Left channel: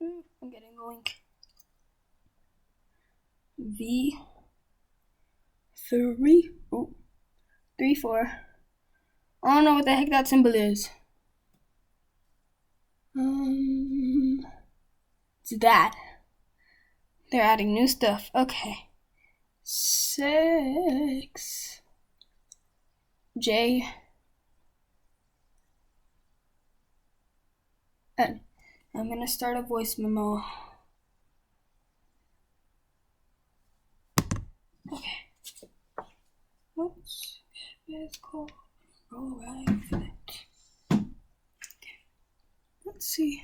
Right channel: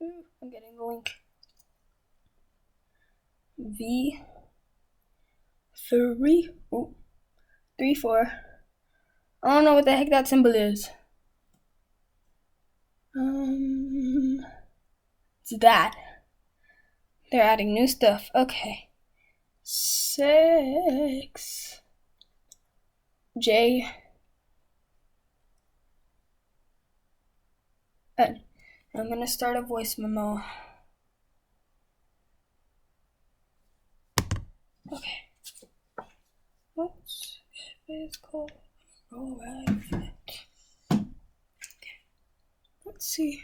I'm getting the link. V 3 3 4. I don't know what the heck that symbol is. It's that. They're adding new stuff. Okay. 6 J N. I'm gonna start a voice memo. Okay. Oops. It's cold. Alright. Okay. Let's see.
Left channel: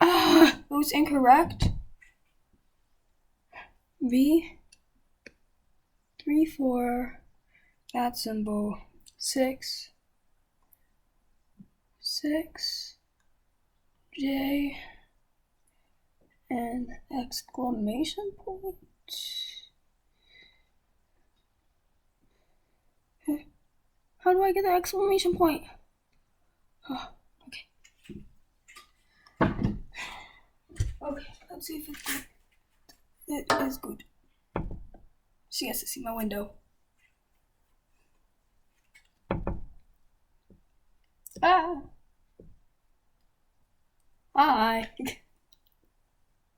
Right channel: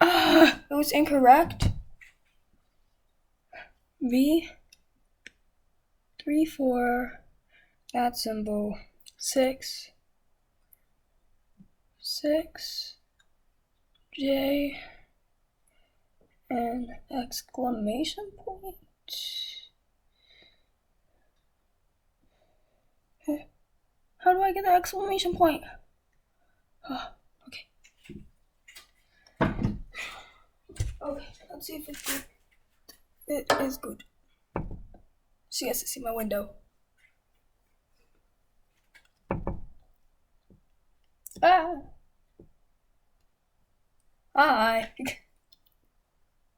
It was incorrect. V 3 4. That symbol. 6 J and exclamation point. How do I get the exclamation point? Oh, okay. Okay, let's see if it's good. It is good. She has to see my window. Hi.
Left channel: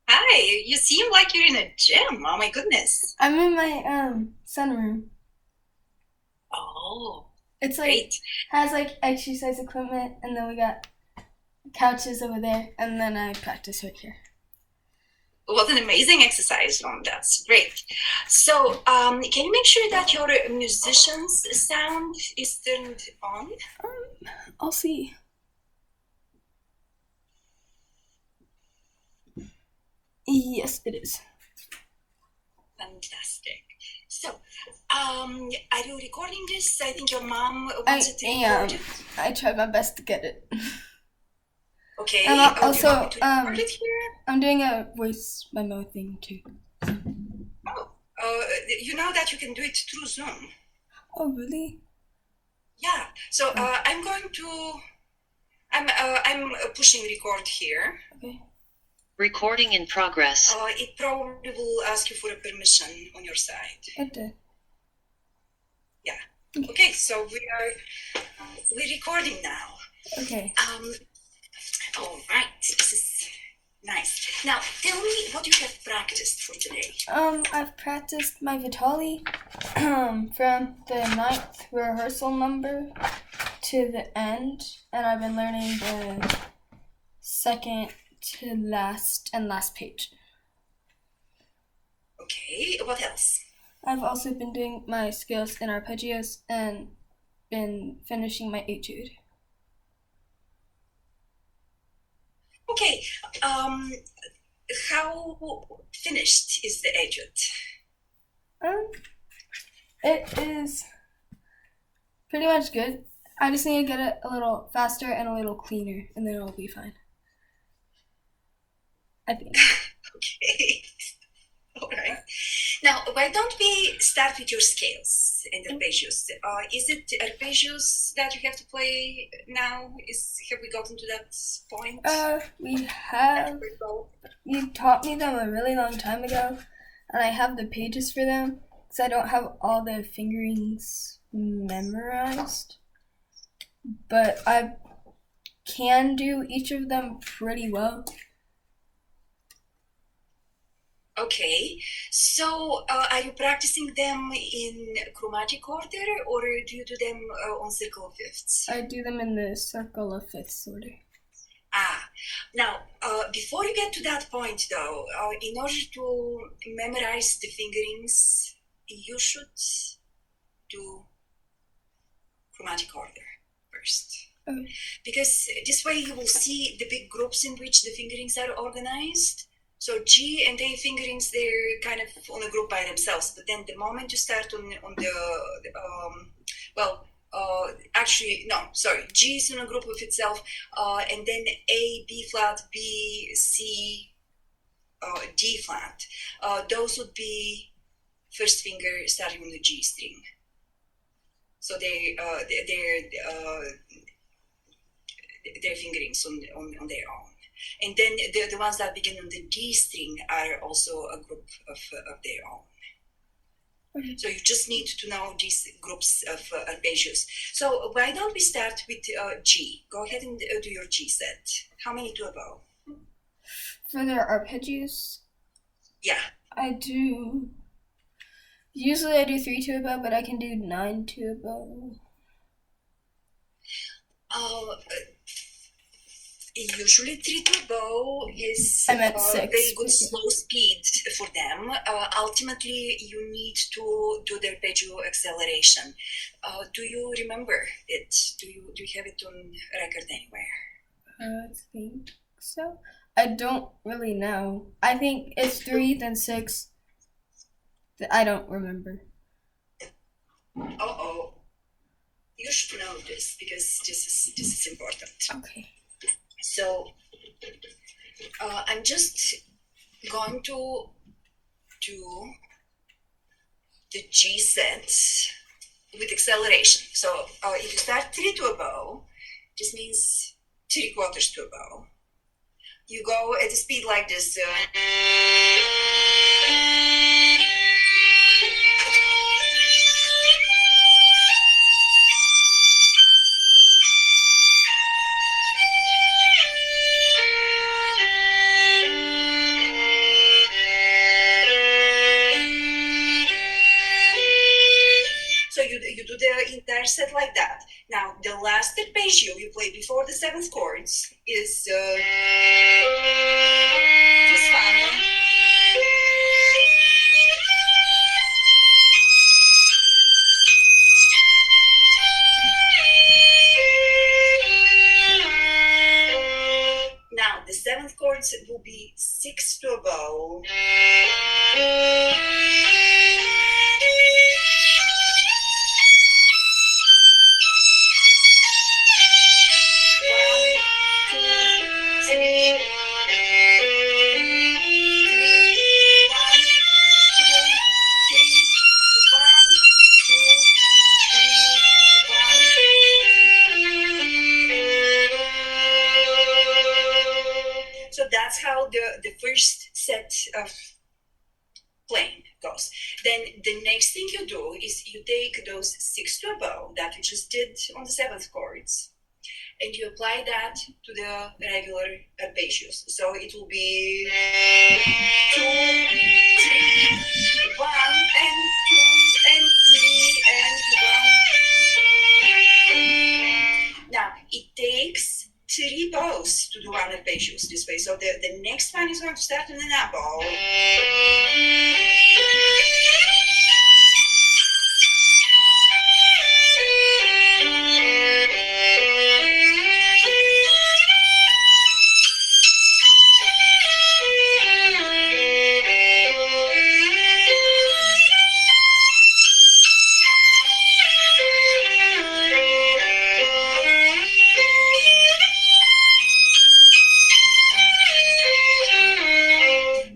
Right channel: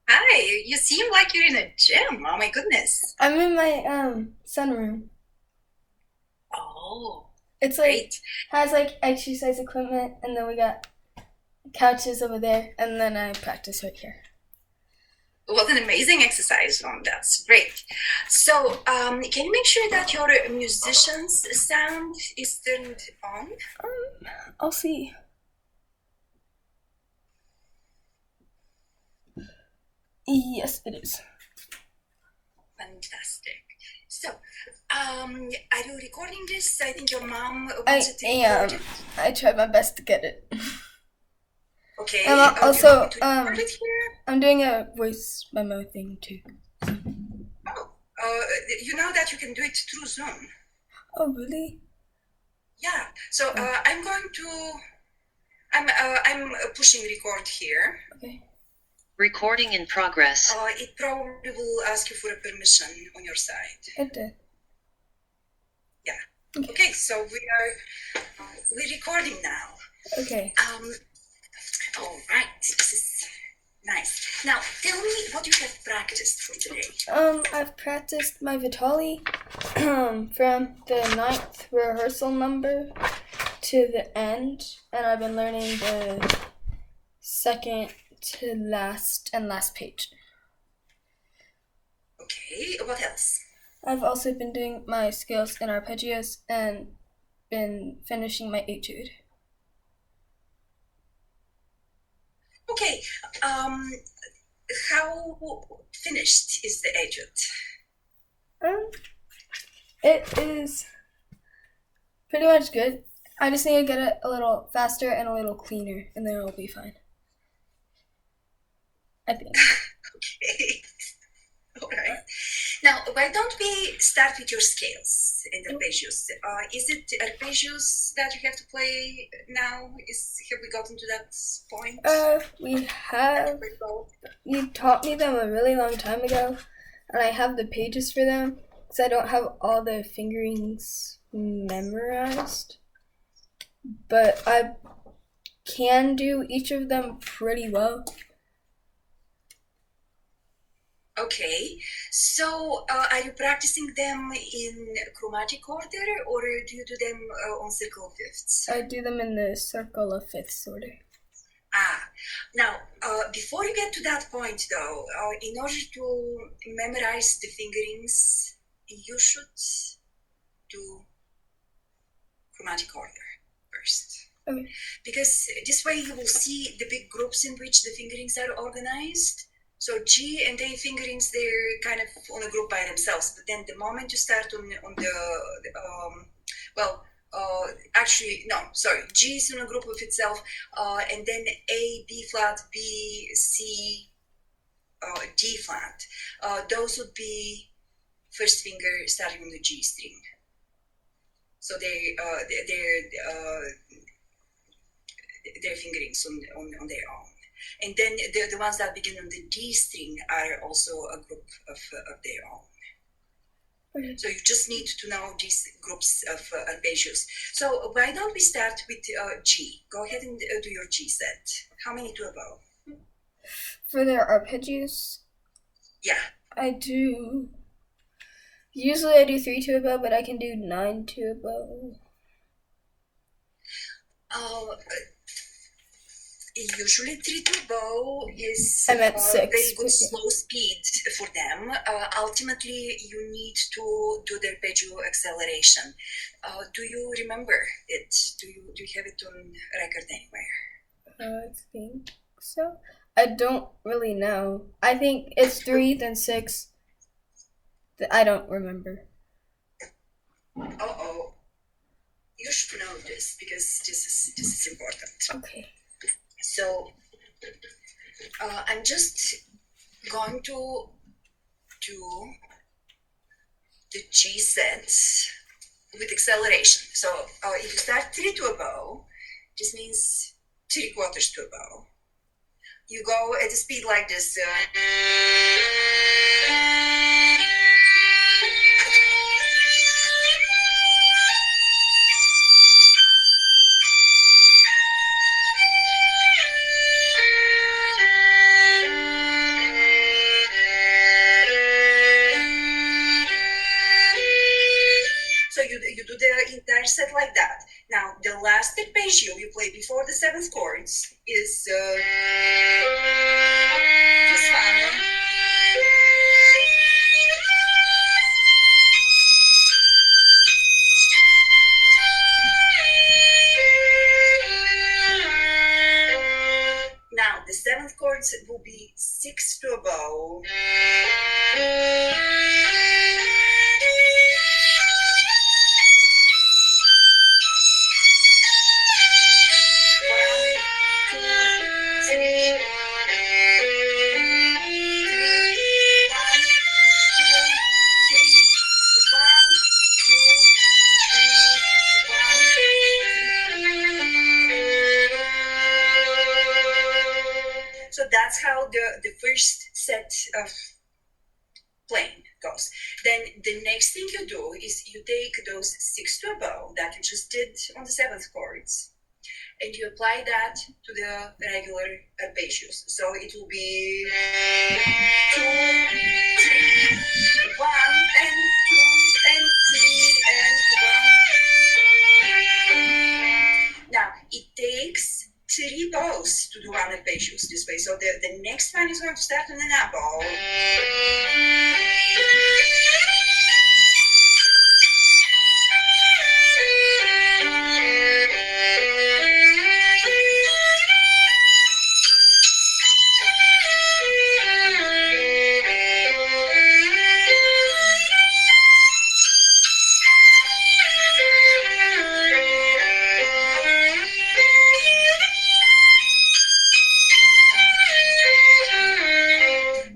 Hi, you seem like you're in a gym. Oh my goodness. I'm in my sunroom. Oh, It's like great. has like exercise equipment, and then we got couches over there, and then I practice right here. What an amazing exercise room. That's great. So, can you make sure that your musician's sound is turned on? I'll see. Yes, it is. Fantastic. So, are you recording this? I think your mom I wants it to am. record it. I tried my best to get it. Okay. And Do you want also, me to record it here? I'm doing a voice memo thing too. Oh, you know that you can do it through Zoom. Oh, really? Yeah. So, I'm going to. I'm pushing record here. Okay. Recording in progress. It probably will ask you for a permission on your side. It did. Yeah. Okay, so we're recording now. Okay. All right. This is nice. Now, tell me what you have practiced for today. I've practiced my Vitali from the 9th rehearsal number to the end, and I've been learning the second to last page. Okay, what else? I've also been doing my scales and arpeggios and been finishing my etude. Okay, how finished is the etude? It is pretty much good. I just need to get it a little faster and a little cleaner, and then it'll be fine. I think. Okay. All right. Now, why don't we start with your scales and arpeggios? Is it arpeggios that you have to play now? Have we gotten to that point? We have. You taught me them a really long time ago, and I have the pages for them because I don't have all the fingerings memorized. But I can do each of them pretty well. Okay, so are you practicing them in chromatic order, or do you do them on circle of fifths? I do them in the circle of fifths order. Now, before you get to that point, though, in order to memorize the fingerings, you should do chromatic order first. Okay. Because this way you will see the big groups in which the fingerings are organized. So G and A fingerings, they're kind of on a group by themselves. But then the moment you start on the actually, no, sorry. G is in a group of itself, and then A, B flat, B, C, D flat. Those would be first finger starting on the G string. So they're fingerings on their own. And then the ones that begin on the D string are also a group of their own. Okay. So you just need to know these groups of arpeggios. So why don't we start with G? Go ahead and do your G set. How many to a bow? For the arpeggios, Yeah. Usually I do 3 to a bow, but I can do 9 to a bow. Usually 3 to a bow is I'm at 6, very good but yeah. slow speed for them. Ultimately, you need to do the arpeggio acceleration. Do you remember it? Do you have it on record anywhere? I think so. I don't really know. I think it's 3, then 6. I don't remember. Uh-oh. You should know this because this is important. Okay. So I'm just going to do the G sets with acceleration. So if you start 3 to a bow, this means 3/4 to a bow. You go at a speed like this. So you do the entire set like that. Now, the last arpeggio you play before the 7th chords is this one. Now, the 7th chords will be 6 to a bow. So that's how the first set of playing goes. Then the next thing you do is you take those 6 to a bow that you just did on the 7th chords, and you apply that to the regular arpeggios. So it will be 2, 3, 1, and 2, and 3, and 1. Now, it takes 3 bows to do one arpeggios this way. So the next one is going to start on an up bow.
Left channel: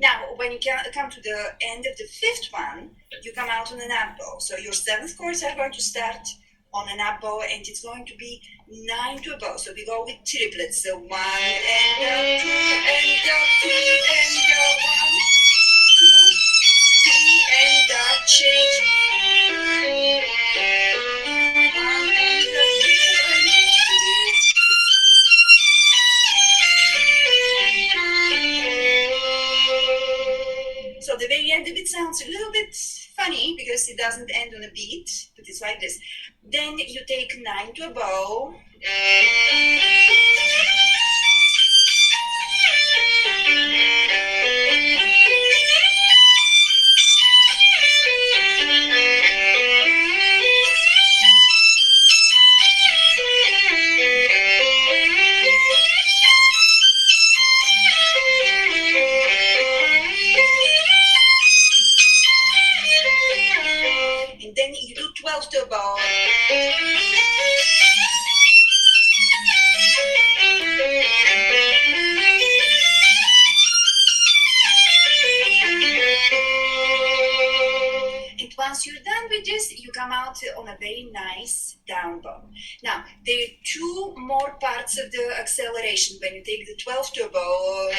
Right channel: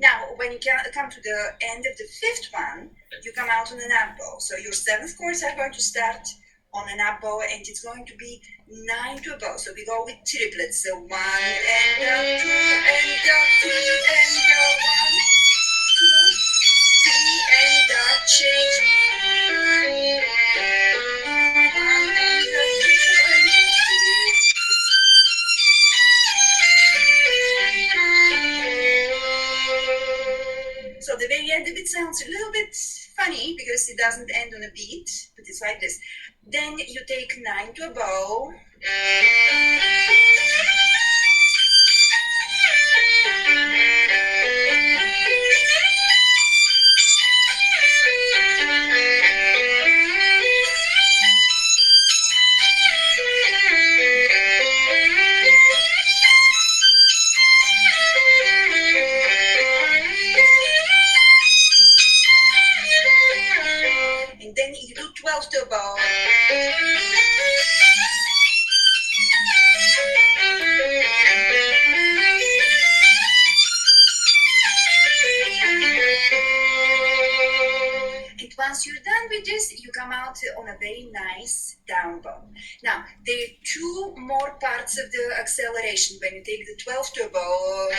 Now, when you come to the end of the 5th one, you come out on an up bow. So your 7th chords are going to start on an up bow, and it's going to be 9 to a bow. So we go with triplets. So 1 and 2 and 3 and 1, 2, 3 and change. 1 and 3. So the very end of it sounds a little bit funny because it doesn't end on a beat, but it's like this. Then you take 9 to a bow. And then you do 12 to a bow. with this, you come out on a very nice down bow. Now, there are two more parts of the acceleration. When you take the 12 turbo,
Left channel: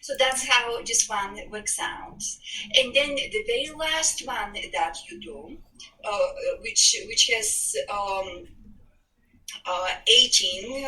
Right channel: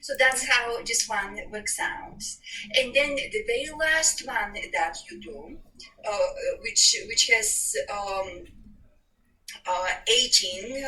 so that's how this one works out. And then the very last one that you do, which has 18.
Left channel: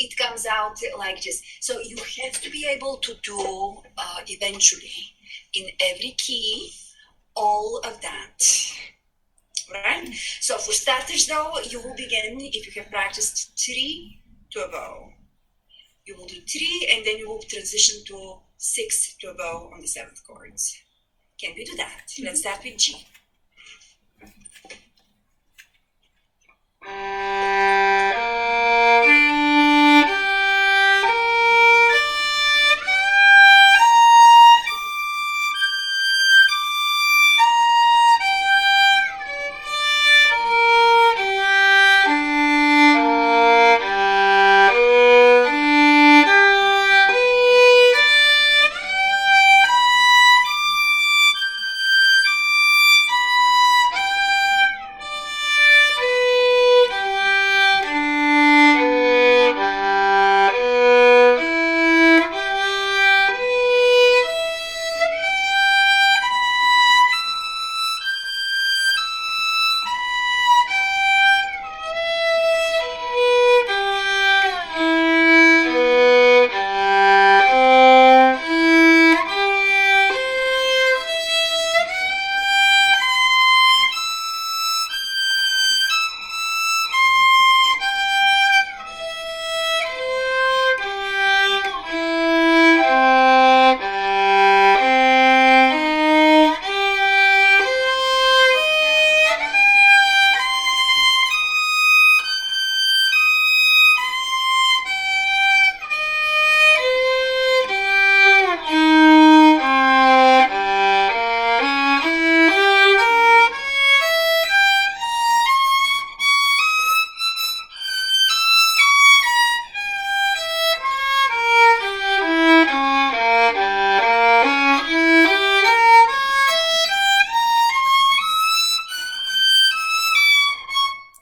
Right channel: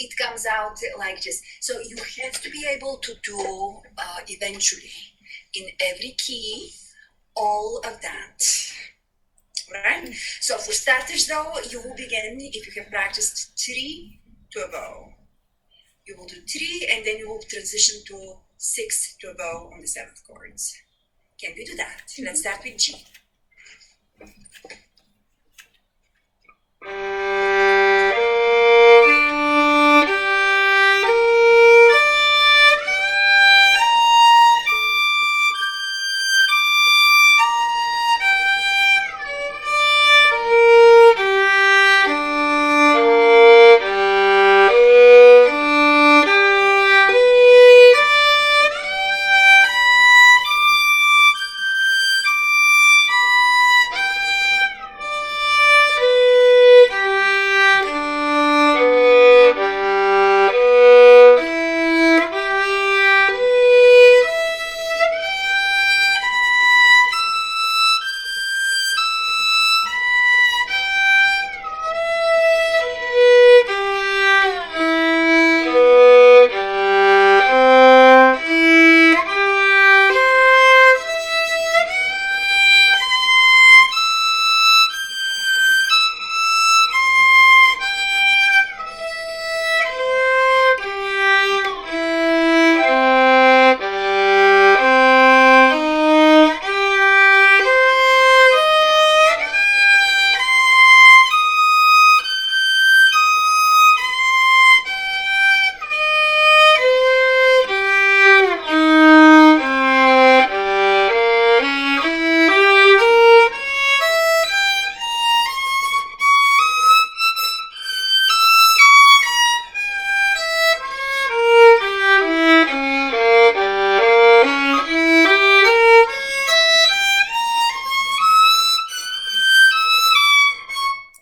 It comes out like this. So you have to be able to do eventually in every key all of that. Right? So for starters though, you will begin, if you have practiced 3 turbo, you will do 3 and then you will transition to 6 turbo on the 7th chords. Can we do that? Let's start with G.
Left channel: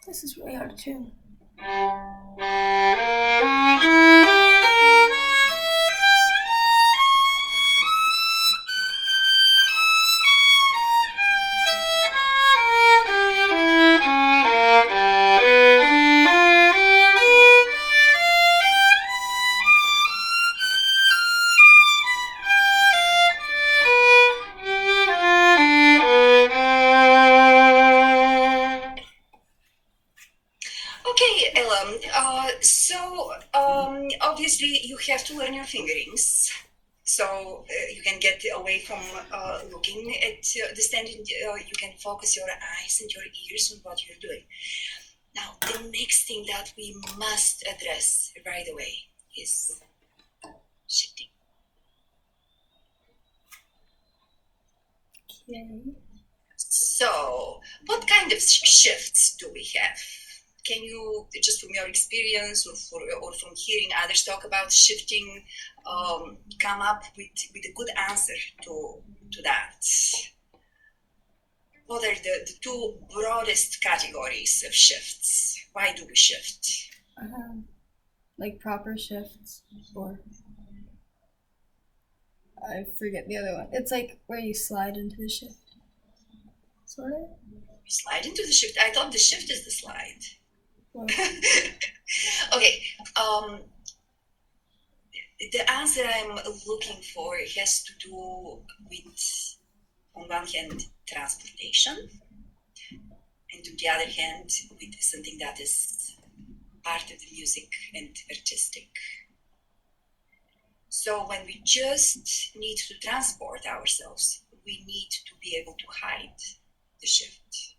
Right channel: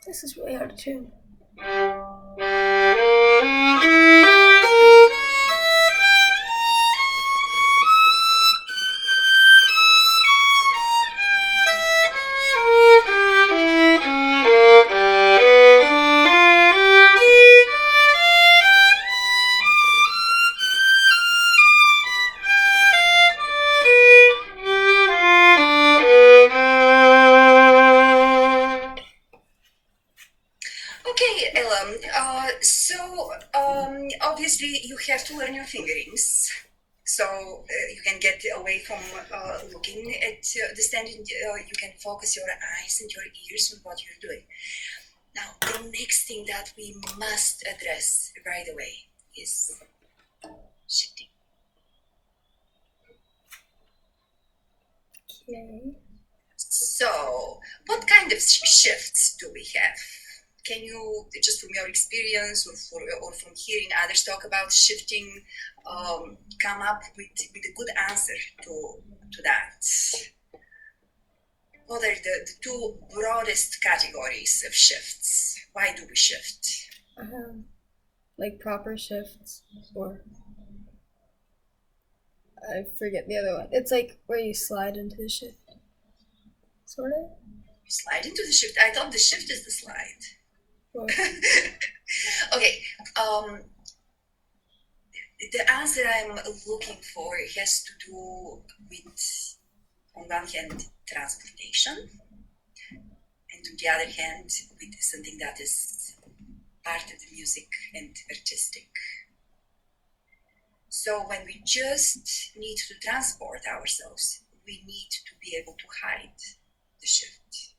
This is really hard to tune. Okay, Ella. So obviously you have to learn your fingerings, so you can get away from looking at the standing. You can focus your eyes and your ears on what you're doing. Now, the next thing that we must address right away is shifting. Okay. So, what kind of shifts do we have? Can you, just from your experience or from hearing others talk about shifting, come up with a good answer to that? What are the two broadest categories of shifts? Why do we shift? Like proper shifts, or I forget the other one. It's like where you slide into the shift, sort of. Slide into the shift. I thought the shift is the slide. Well, Okay. The answer I'm looking for has to do with on one hand, transportation, and on the other hand, with something that is part of the music and artistic. So when we just need to transport ourselves, we need to be able to hide the shift.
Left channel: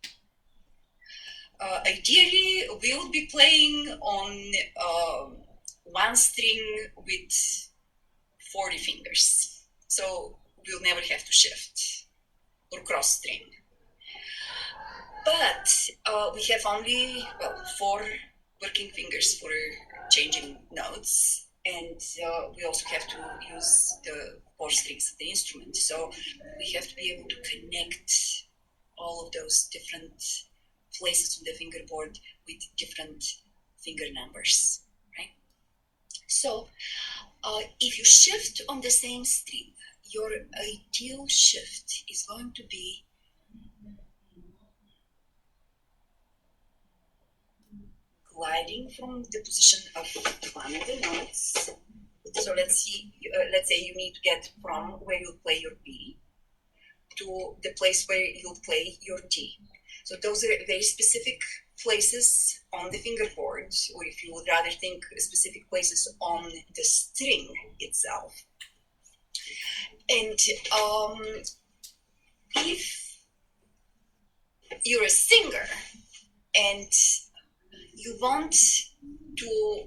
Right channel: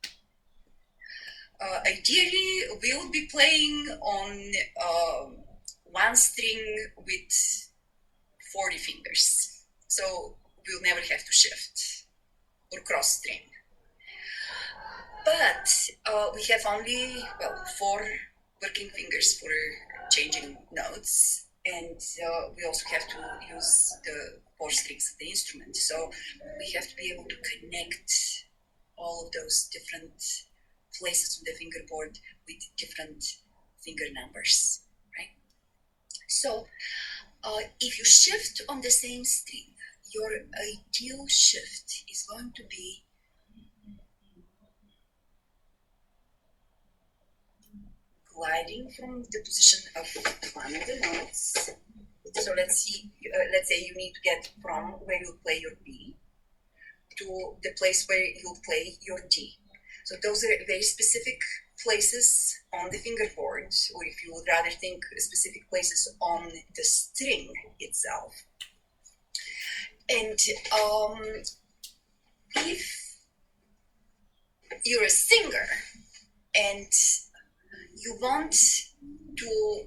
Ideally, we would be playing on one string with 40 fingers. So we'll never have to shift or cross string. But we have only, 4 working fingers for changing notes. And we also have to use the 4 strings of the instrument. So we have to be able to connect all of those different places on the fingerboard with different finger numbers, right? So if you shift on the same string, your ideal shift is going to be gliding from the position of one of the notes. So let's say you need to get from where you play your B to the place where you'll play your D. So those are very specific places on the fingerboard, or if you would rather think specific places on the string itself. And if you're a singer and you want to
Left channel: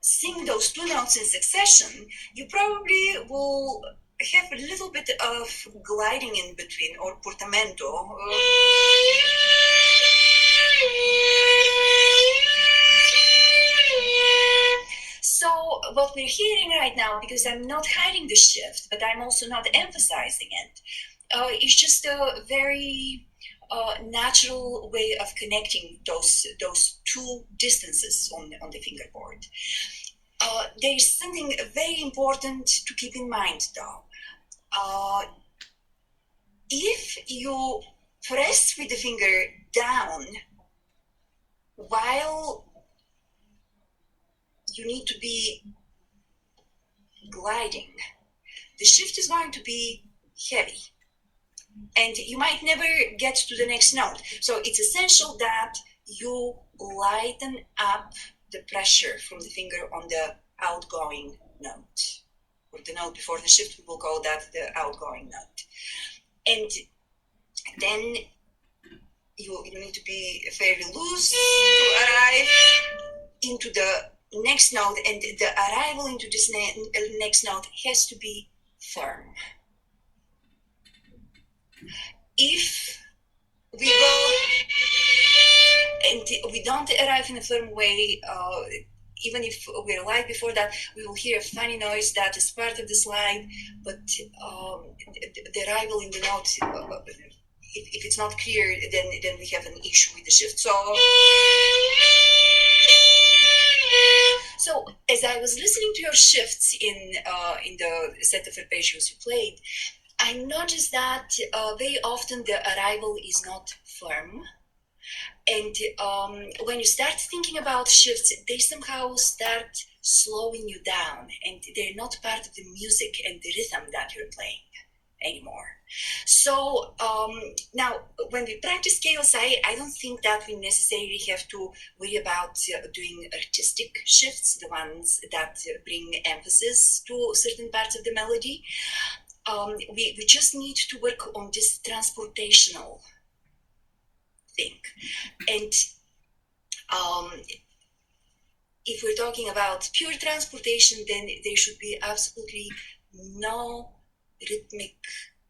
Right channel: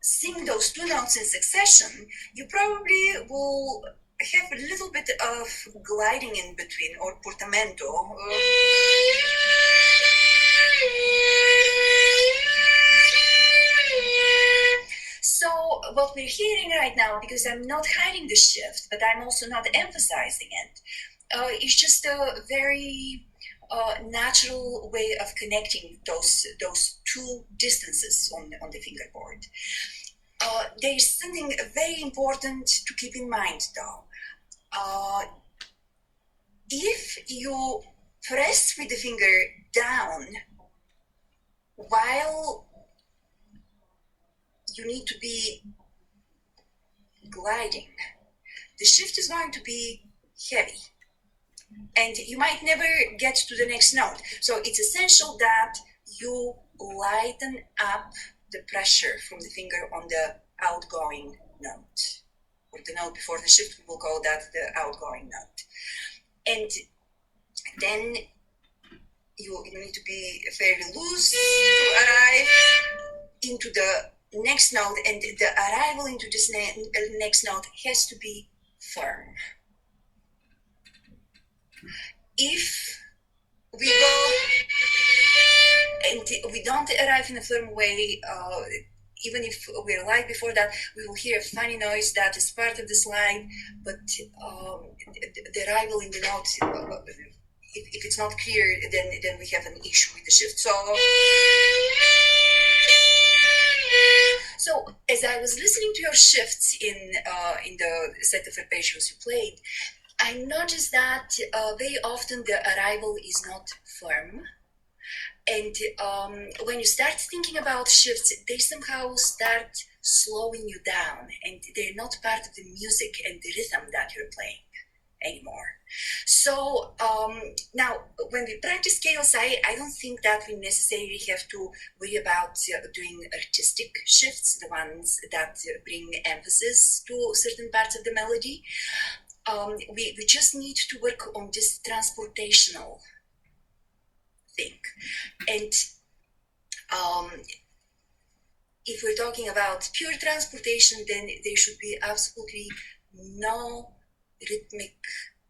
sing those 2 notes in succession, you probably will have a little bit of gliding in between, or portamento. So what we're hearing right now, because I'm not hiding the shift, but I'm also not emphasizing it, it's just a very natural way of connecting those 2 distances on the fingerboard. There is something very important to keep in mind, though. If you press with the finger down while you need to be gliding, the shift is going to be heavy, and you might never get to the next note. So it's essential that you lighten up the pressure from the finger on the outgoing note, or the note before the shift. We will call that the outgoing note. And then you need to be fairly loose to arrive into the next note, and the arrival into this next note has to be firm. If we go and we don't arrive in a firm way, even if we're light before that, we will hear a funny noise that is part of the slide, but the arrival in the note, if it's not clear, then we have an issue with the shift. So as I was listening to your shifts in the set of arpeggios you played, I noticed that very often the arrival is not firm. And when you start thinking about shifts, they somehow start slowing you down, and they're not part of the music and the rhythm that you're playing anymore. So now, when we practice scales, I don't think that we necessarily have to worry about doing artistic shifts, the ones that bring emphasis to certain parts of the melody. We just need to work on this transportational thing. And if we're talking about pure transportation, then there should be absolutely no rhythmic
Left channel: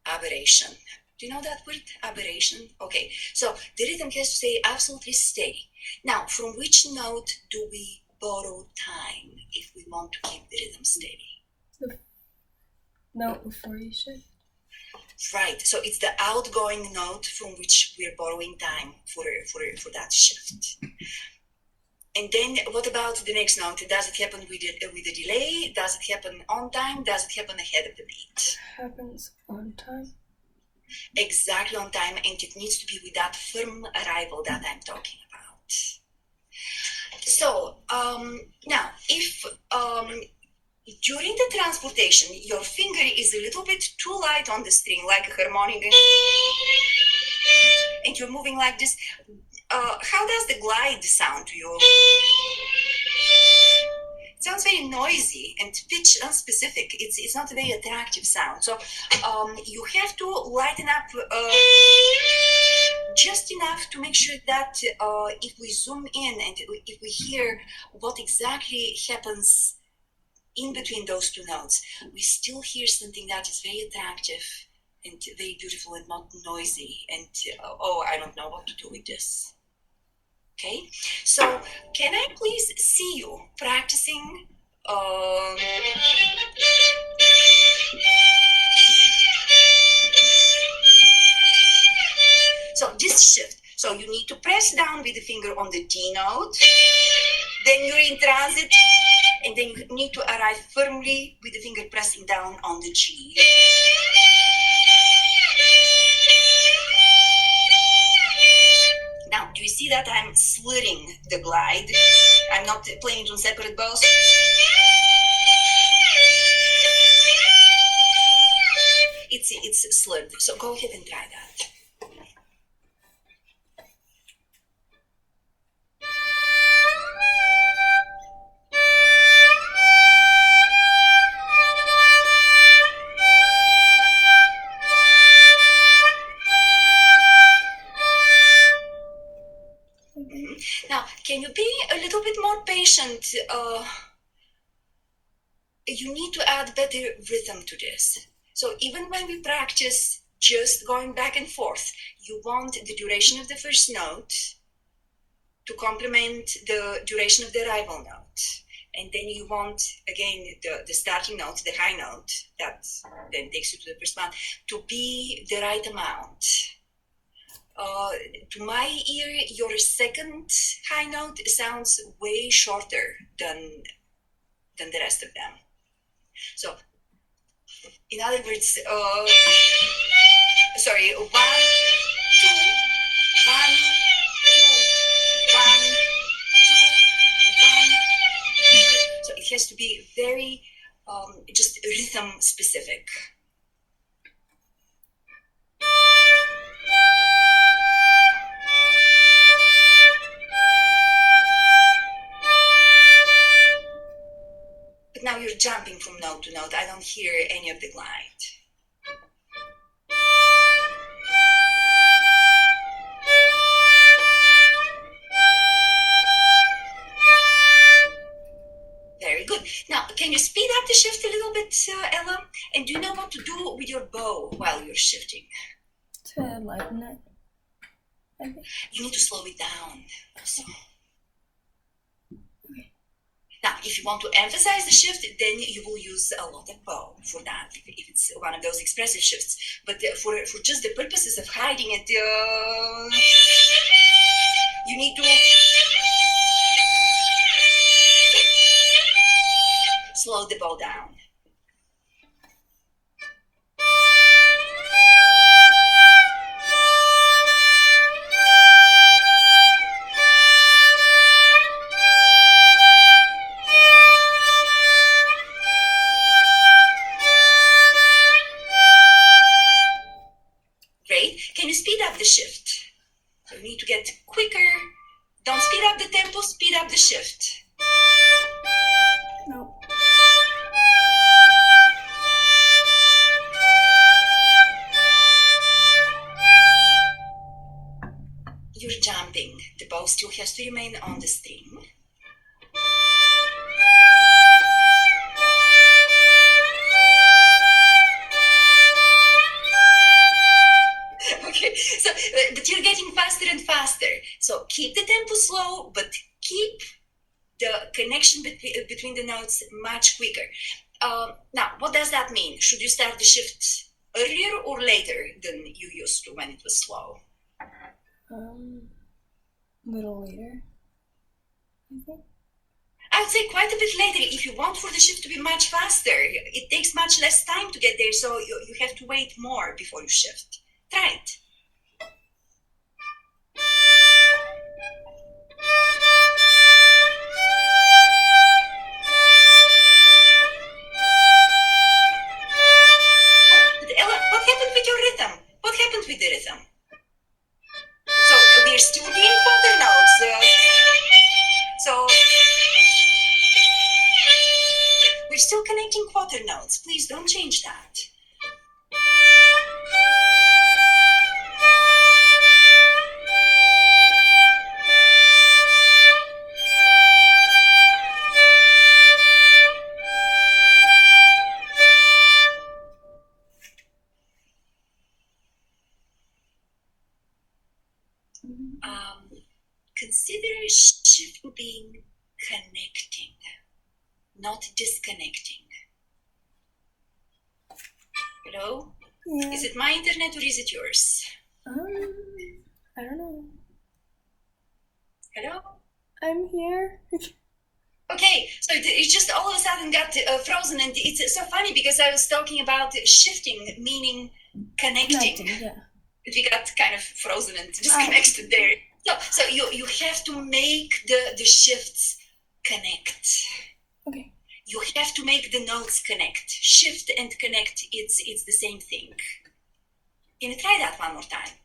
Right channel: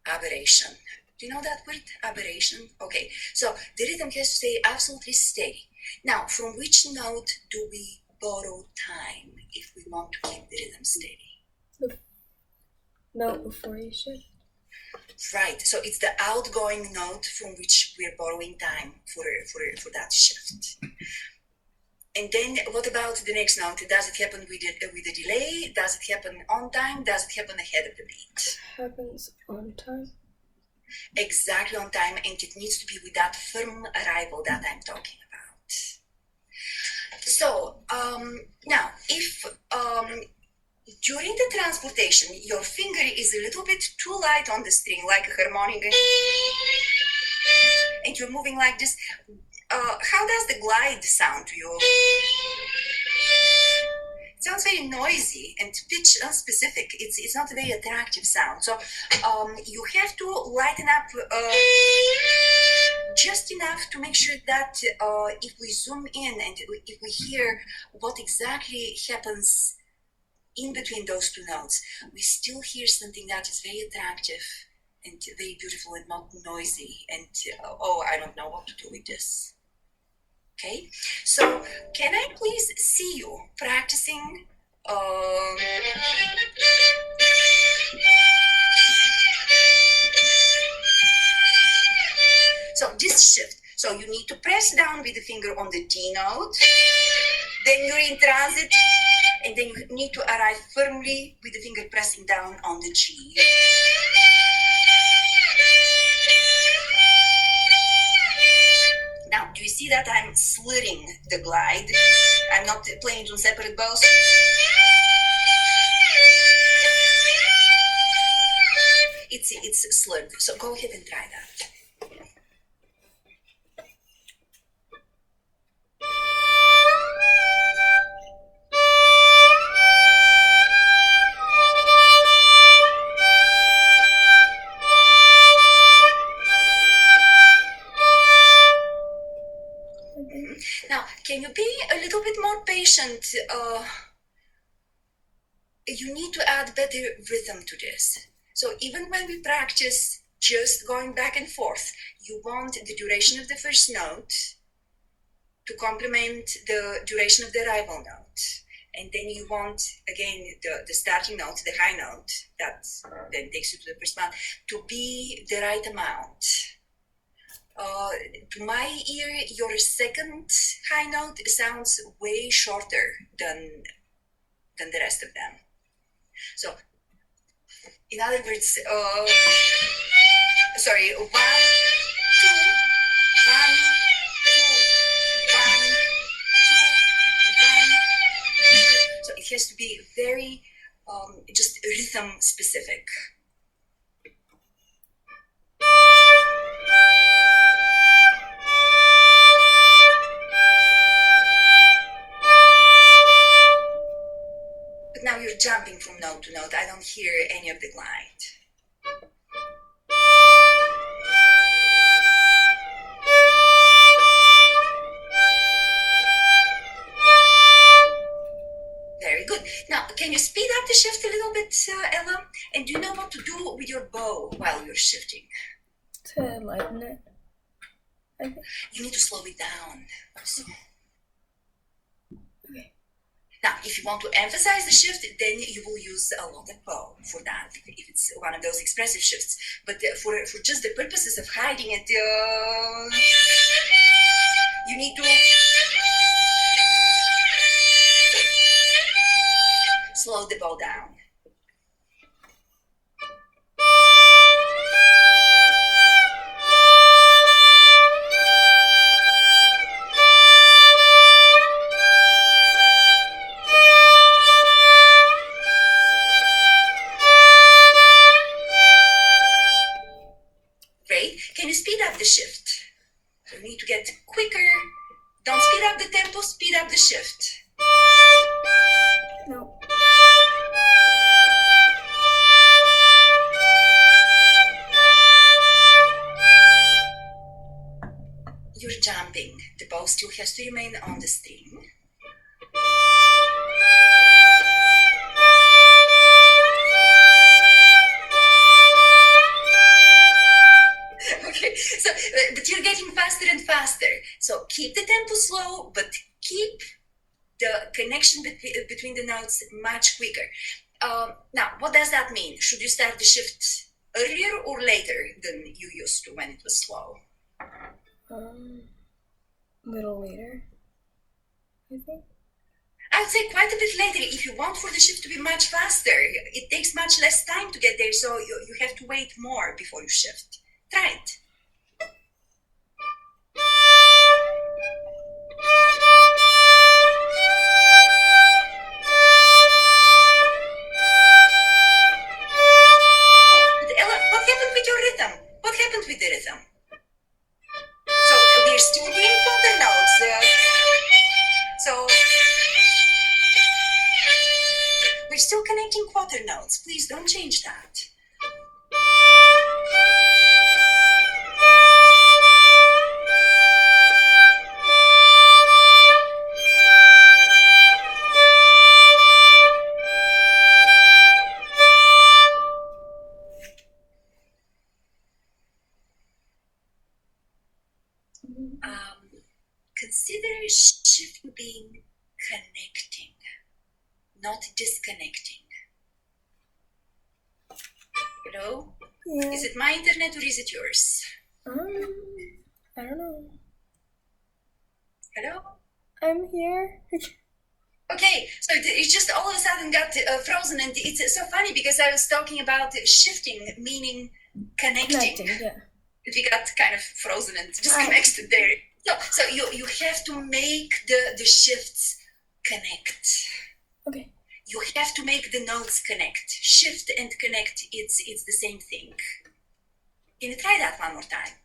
aberration. Do you know that word, aberration? Okay, so the rhythm has to stay absolutely steady. Now, from which note do we borrow time if we want to keep the rhythm steady? Note before you shift. Right, so it's the outgoing note from which we're borrowing time for that shift. And then what about the next note? Does it happen with a delay? Does it happen on time? Does it happen ahead of the beat? Happens on time. Exactly on time, and it needs to be with that firm arrival that I'm talking about. So now, if During the transportation, your finger is a little bit too light on the string, like a harmonic, and you're moving like this. How does the glide sound to you? It sounds very noisy and pitch unspecific. It's not a very attractive sound. So you have to lighten up just enough to make sure that if we zoom in and if we hear what exactly happens in between those two notes, we still hear something that is very attractive and very beautiful and not noisy. And I don't know what to do with this. Okay, so can I please see you practicing? So this shift. So you need to press down with the finger on the D note. Then you're in transit, and then you need to arrive firmly with the finger pressing down on the G. Now, do you see that I'm slitting the glide? I'm not playing it on separate bows. It's slurred, so go ahead and try that. Now, can you be a little bit more patient? You need to add better rhythm to this. So even when we practice just going back and forth, you want the duration of the first note to complement the duration of the rival note. And then you want, again, the starting note, the high note, that then takes you to the first one, to be the right amount. To my ear, your second high note sounds way shorter than the rest of them. So, in other words, sorry, 1, 2, 1, 2, 1, 2, 1, 2. So it has to be very just rhythm specific. But now you're jumping from note to note. I don't hear any of the glide. Very good. Now, can you speed up the shift a little bit, Ella? And do you know what to do with your bow while you're shifting? To lighten it, I think. You need to slow it down. So. Now, if you want to emphasize the shift, then you will use a lot of bow for that, if it's one of those expressive shifts. But for just the purposes of hiding it, you need to slow the bow down. Can you speed up the shift? So you need to get quicker. Don't speed up the tempo, speed up the shift. No. You're jumping. The bow still has to remain on the string. Okay, so but you're getting faster and faster. So keep the tempo slow, but keep the connection between the notes much quicker. Now, what does that mean? Should you start the shift earlier or later than you used to when it was slow? A little later, I think. I would say quite a bit later if you want for the shift to be much faster. It takes much less time to get there, so you have to wait more before you shift. Try it. still connecting quarter notes. Please don't change that. Consider shifting being connecting, not disconnecting. Hello? Yeah. Is it my internet or is it yours? I don't know. Hello? I'm here. Okay, so it just all of a sudden got frozen, and it's so funny because I was talking about shifting, meaning connecting. Yeah. We got kind of frozen and disconnected there. So you have to make the shifts connect. Okay. You have to make the notes connect. Shift and connect, it's the same thing. Can you try that one more time?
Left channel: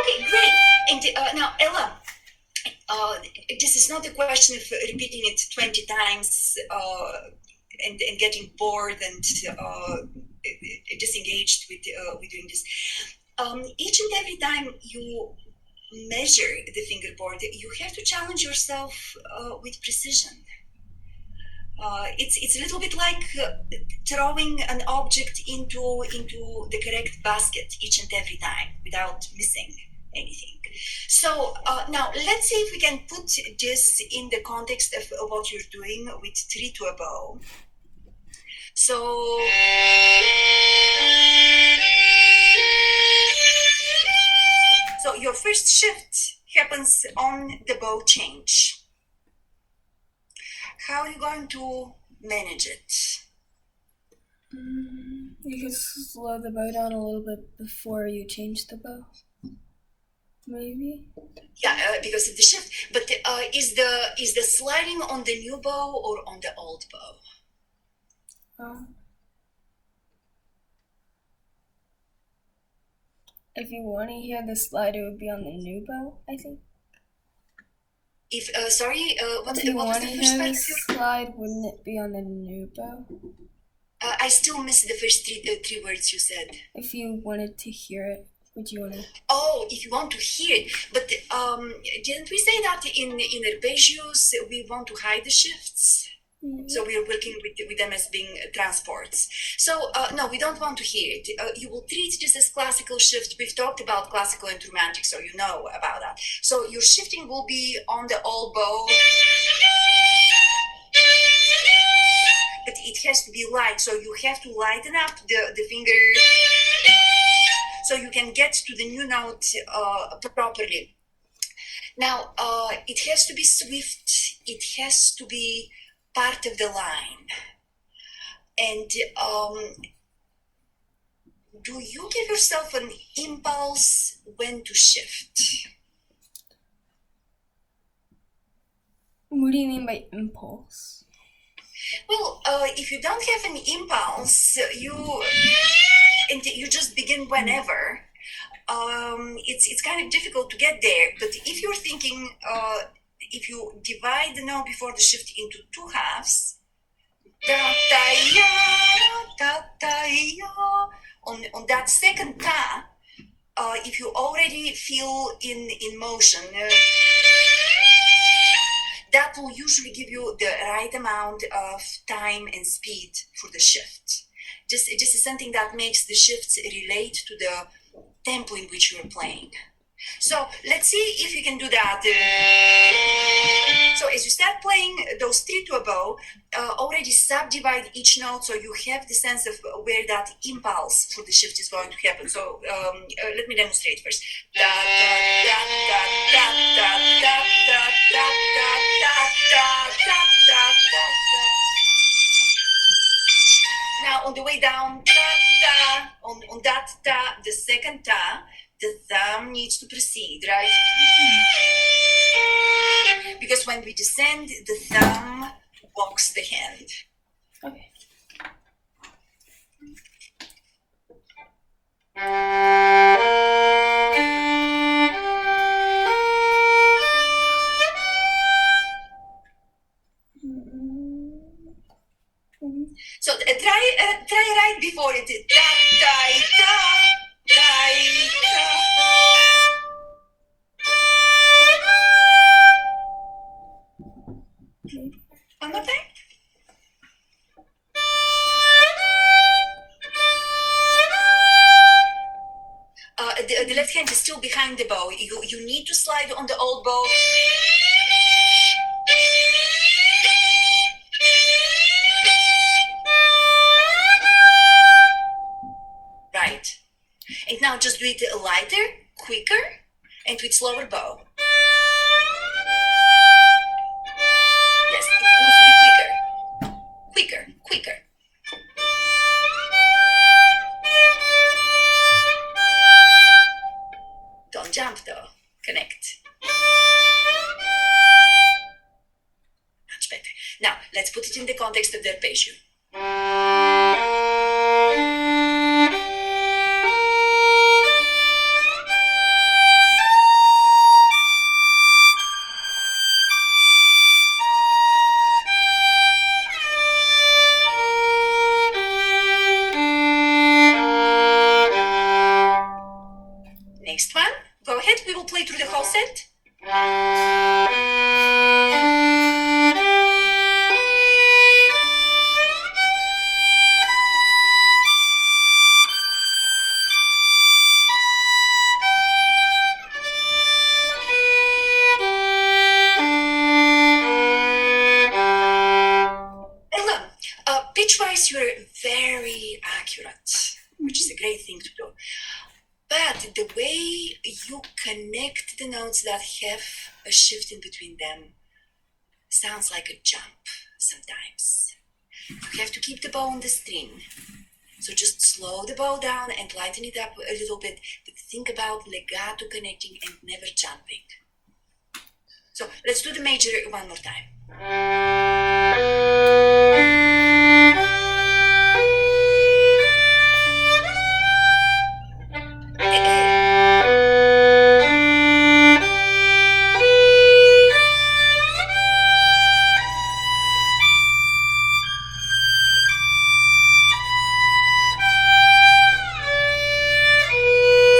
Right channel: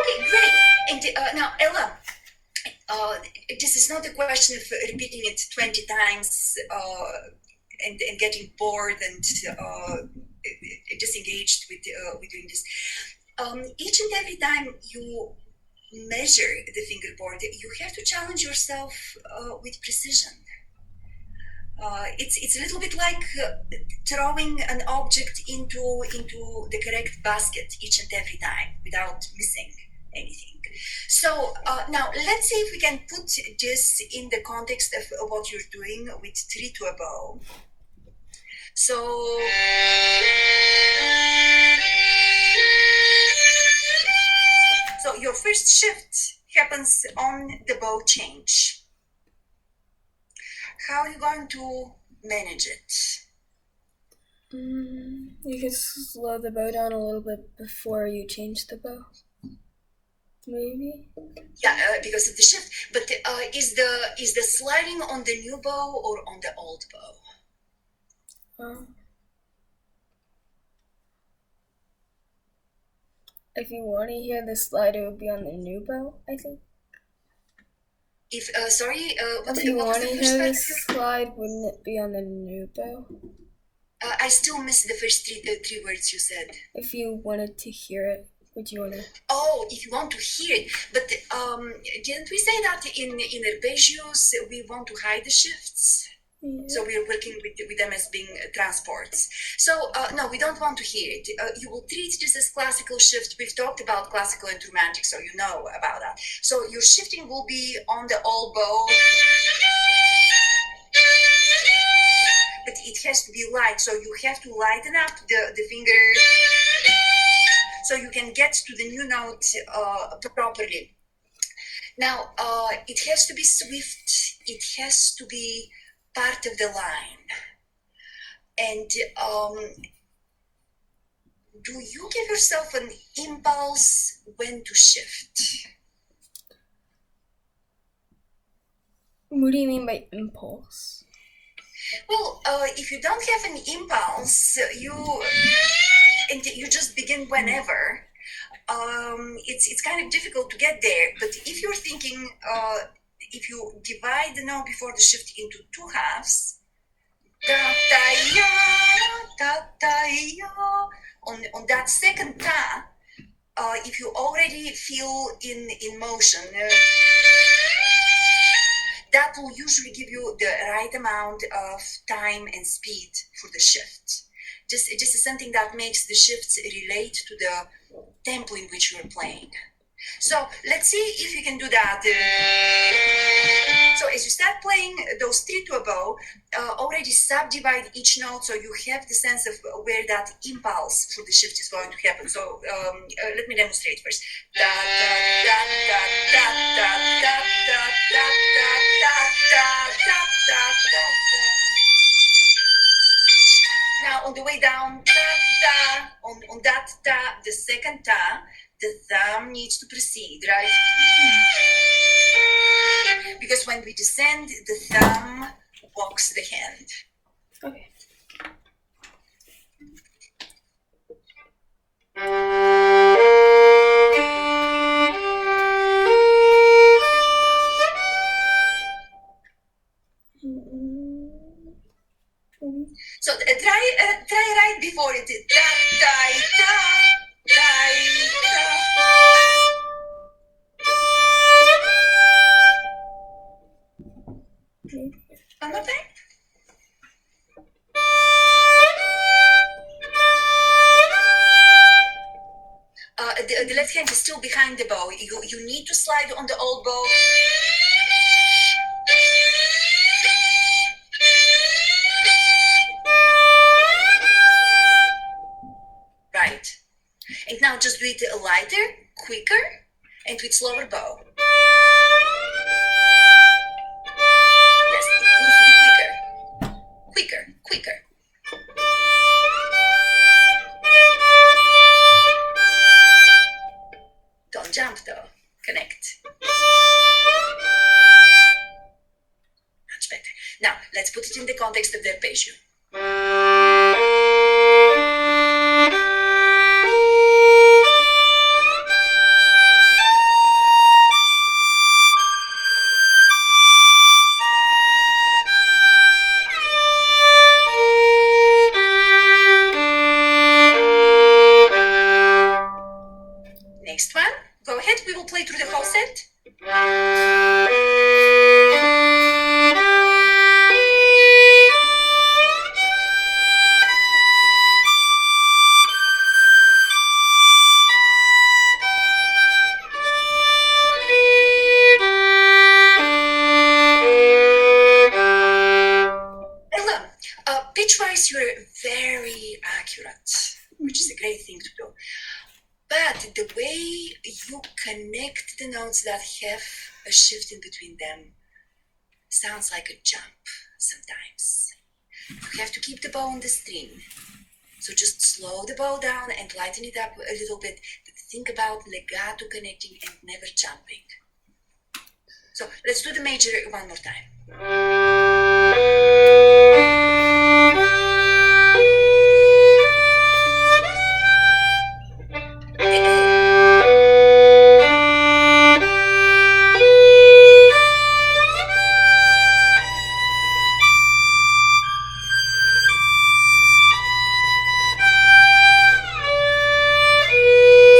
Okay, great. And now, Ella, this is not a question of repeating it 20 times and getting bored and disengaged with doing this. Each and every time you measure the fingerboard, you have to challenge yourself with precision. It's a little bit like throwing an object into the correct basket each and every time without missing anything. So now let's see if we can put this in the context of what you're doing with 3 to a bow. So your first shift happens on the bow change. How are you going to manage it? You could slow the bow down a little bit before you change the bow. Maybe. Yeah, because of the shift. But is the sliding on the new bow or on the old bow? If you want to hear the slide, it would be on the new bow, I think. If sorry, If you want to hear the slide, wouldn't it be on the new bow? I still missed the first three words you said. If you wanted to hear it, would you want to? Oh, if you want to hear it, but didn't we say that in arpeggios we want to hide the shifts? Yeah. So we're working with them as being transports. So no, we don't want to hear it. You will treat this as classical shift. We've talked about classical and romantic, so you know about that. So your shifting will be on the old bow. But it has to be light, so you have to lighten up the finger so you can get to the new note properly. Now, it has to be swift, it has to be part of the line. And do you give yourself an impulse when to shift? What do you mean by impulse? Well, if you don't have an impulse, you just begin whenever. It's kind of difficult to get there. But if you're thinking, if you divide the note before the shift into two halves, da da ya, da da ya, on that second ta, if you already feel in motion. That will usually give you the right amount of time and speed for the shift. This is something that makes the shifts relate to the tempo in which you're playing. So let's see if you can do that. So as you start playing those three to a bow, already subdivide each note so you have the sense of where that impulse for the shift is going to happen. So let me demonstrate first. Da, da, da, da, da, da, da, da, da, da, da, da, da, da. Now on the way down, da, da, on that ta, the second ta, the thumb needs to precede, right? Because when we descend, the thumb walks the hand. Okay. So try right before it. Da, da, da, da, Okay. One more time. The left hand is still behind the bow. You need to slide on the old bow. Right. And now just do it lighter, quicker, and with slower bow. Yes, it needs to be quicker. Quicker, quicker. Don't jump though. Connect. Much better. Now, let's put it in the context of the arpeggio. Next one. Go ahead. We will play through the whole set. Ella, pitch-wise, you're very accurate, which is a great thing to do. But the way you connect the notes that have a shift in between them sounds like a jump sometimes. You have to keep the bow on the string. So just slow the bow down and lighten it up a little bit. But think about legato connecting and never jumping. So let's do the major one more time.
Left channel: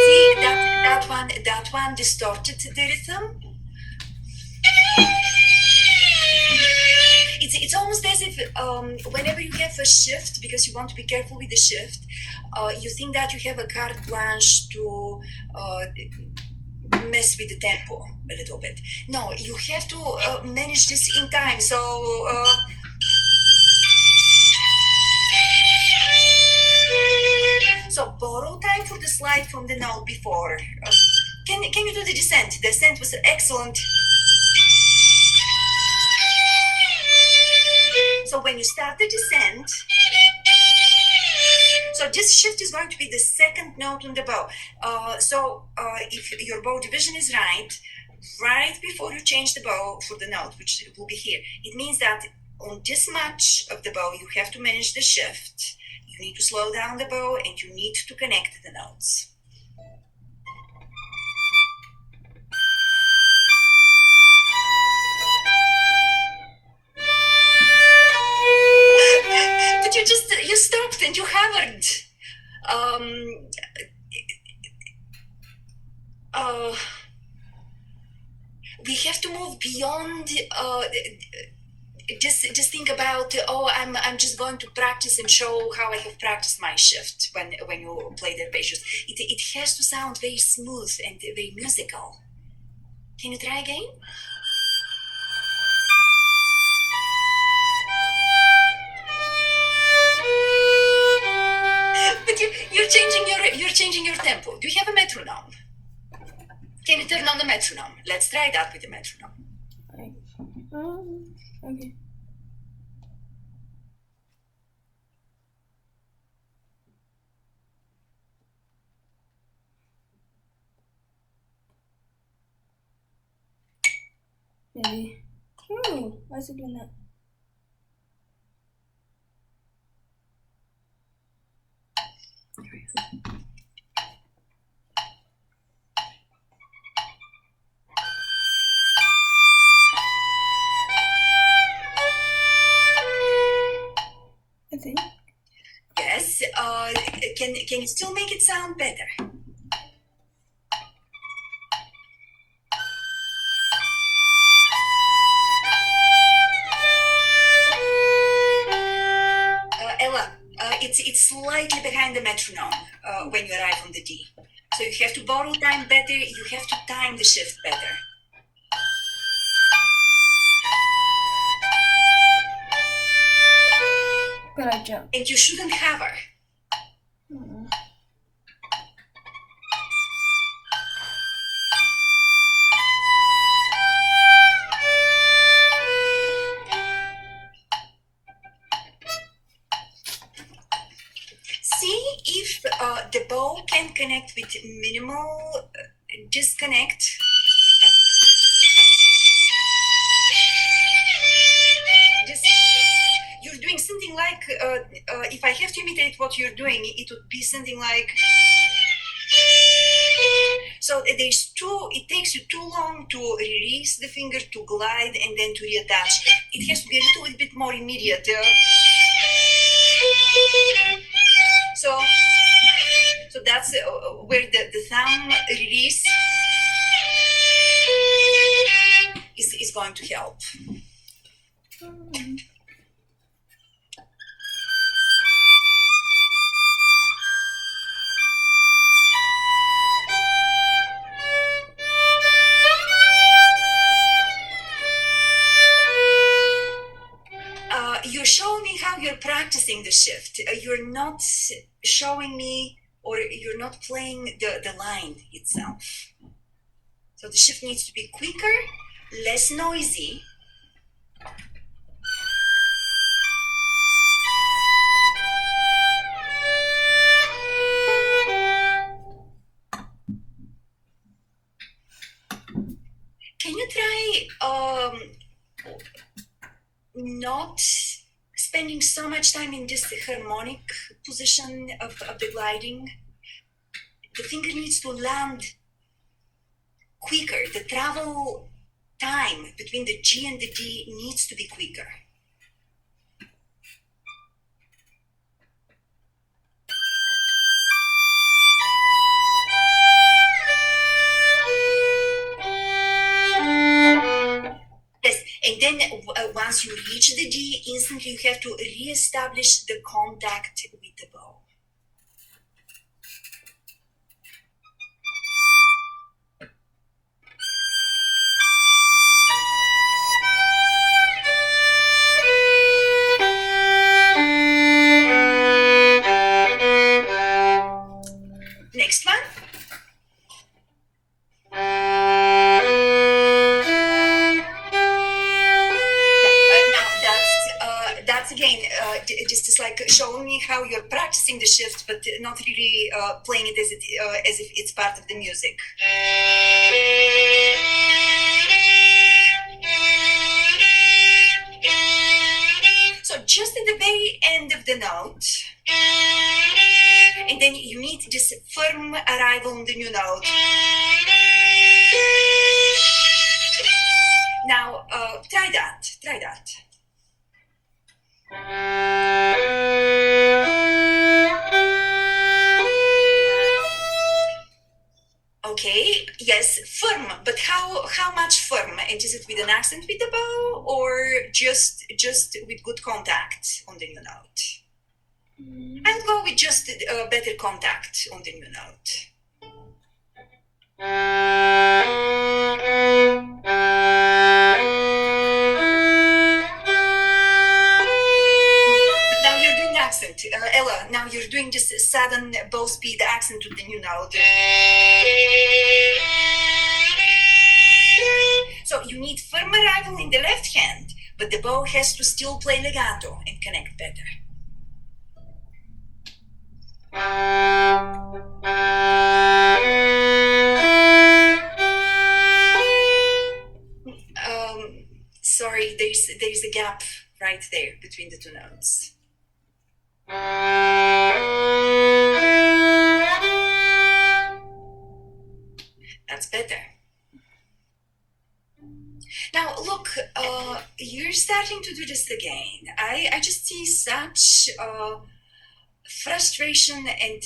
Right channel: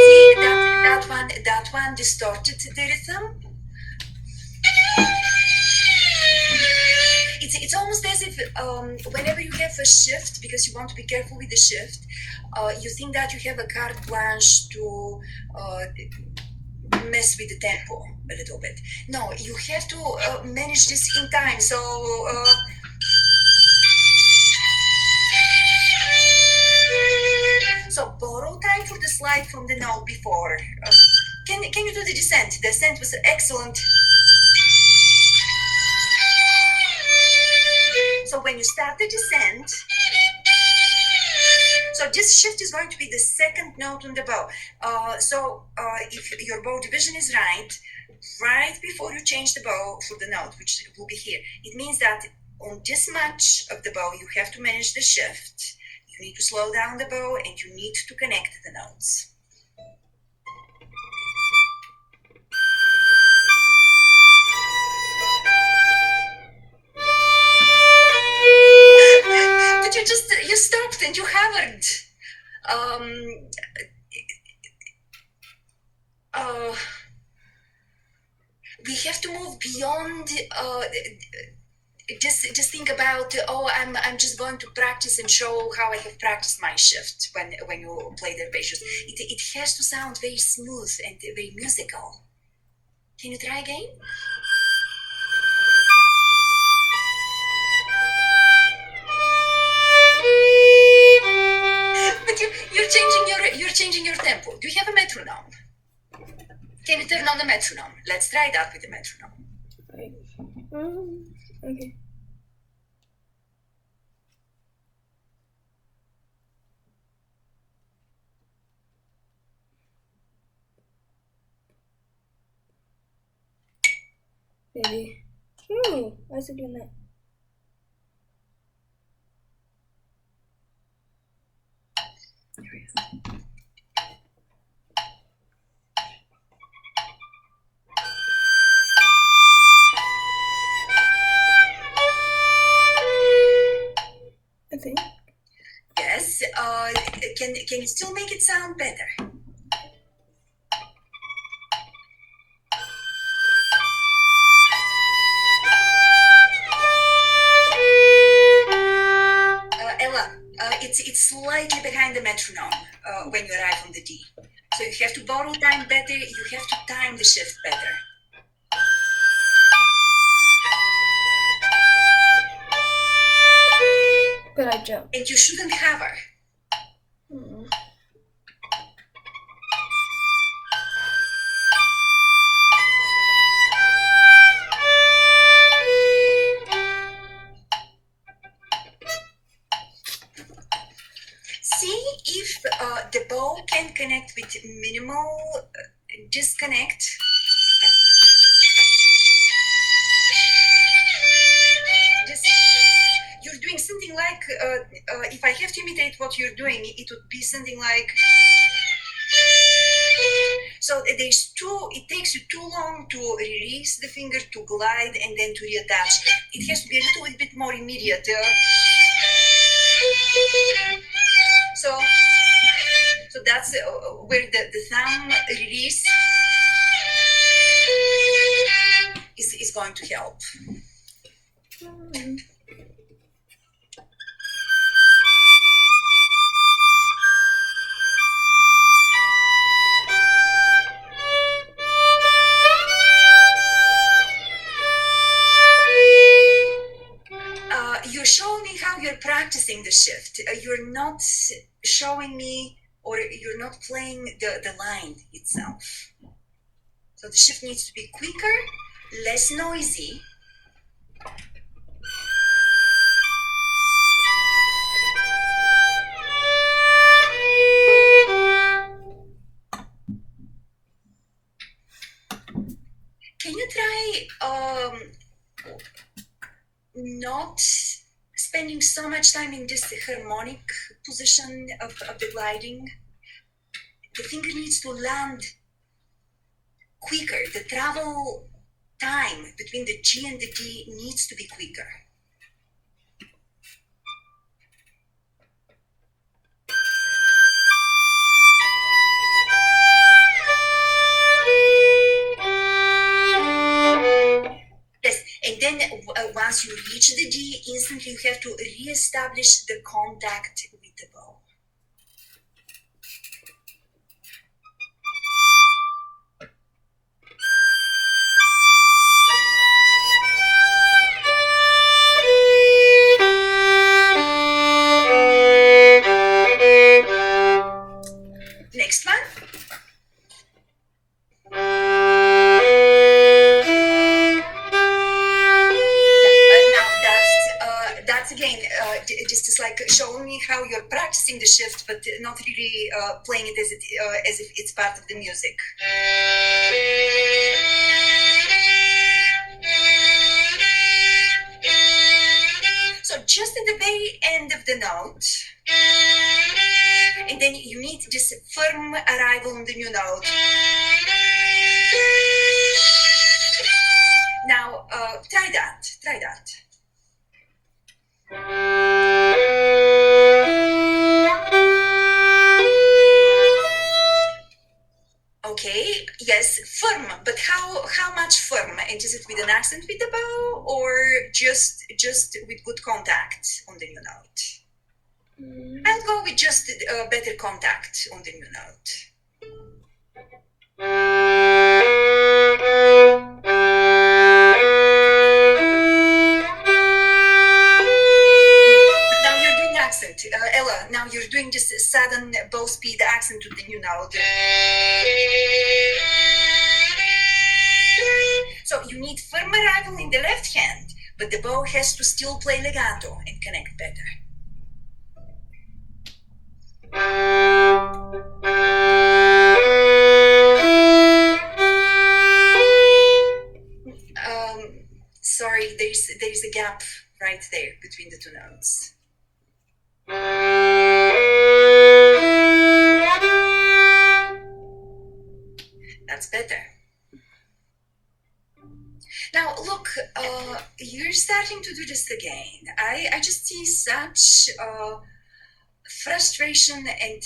See that one distorted the rhythm. It's almost as if whenever you have a shift, because you want to be careful with the shift, you think that you have a carte blanche to mess with the tempo a little bit. No, you have to manage this in time. So borrow time for the slide from the note before. Can you do the descent? The descent was excellent. So when you start the descent, so this shift is going to be the second note on the bow. If your bow division is right before you change the bow for the note, which will be here, it means that on this much of the bow, you have to manage the shift. You need to slow down the bow and you need to connect the notes. But you stopped and you hovered. We have to move beyond. Just think about. I'm just going to practice and show how I have practiced my shift when you play the arpeggios. It has to sound very smooth and very musical. Can you try again? But you're changing your tempo. Do you have a metronome? Can you turn on the metronome? Let's try that with the metronome. Okay. Maybe. Why is it doing that? I think. Yes. Can you still make it sound better? Ella, it's slightly behind the metronome when you arrive on the D. So you have to borrow time better. You have to time the shift better. But I jumped. And you shouldn't have her. See if the bow can connect with minimal disconnect. You're doing something like, if I have to imitate what you're doing, it would be something like. So it takes you too long to release the finger, to glide, and then to reattach. It has to be a little bit more immediate. So that's where the thumb release is going to help. You're showing me how you're practicing the shift. You're not showing me, or you're not playing the line itself. So the shift needs to be quicker, less noisy. Can you try not spending so much time in this harmonic position of the gliding? The finger needs to land quicker. The travel time between the G and the D needs to be quicker. Yes, and then once you reach the D, instantly you have to re-establish the contact with the bow. Next one. That's again, just is like showing me how you're practicing the shift, but not really playing it as if it's part of the music. So just at the very end of the note, and then you need this firm arrival on the new note. Now, try that. Okay, yes, firm, but how much firm? And is it with an accent with the bow, or just with good contact on the new note? I'll go with just better contact on the new note. Now you're doing accent. Ella, now you're doing this sudden bow speed accent to the new note. So you need firm arrival in the left hand, but the bow has to still play legato and connect better. Sorry, there's a gap right there between the two notes. starting to do this again. I just see such frustration and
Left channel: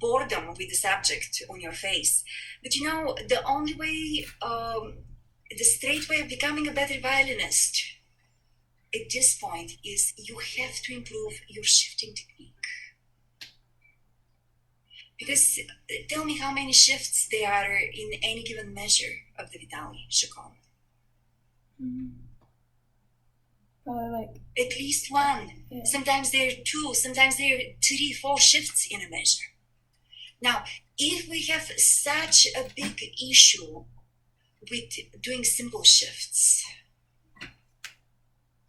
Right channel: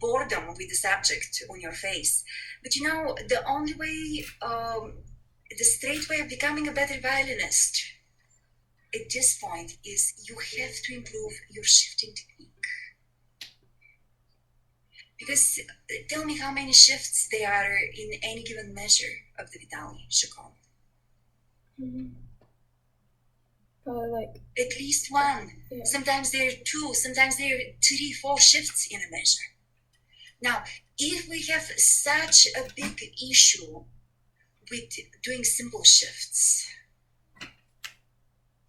boredom with the subject on your face. But you know, the only way, the straight way of becoming a better violinist at this point is you have to improve your shifting technique. Because tell me how many shifts there are in any given measure of the Vitaly chaconne. Probably like, At least one. yeah. Sometimes there are two, sometimes there are 3, 4 shifts in a measure. Now, if we have such a big issue with doing simple shifts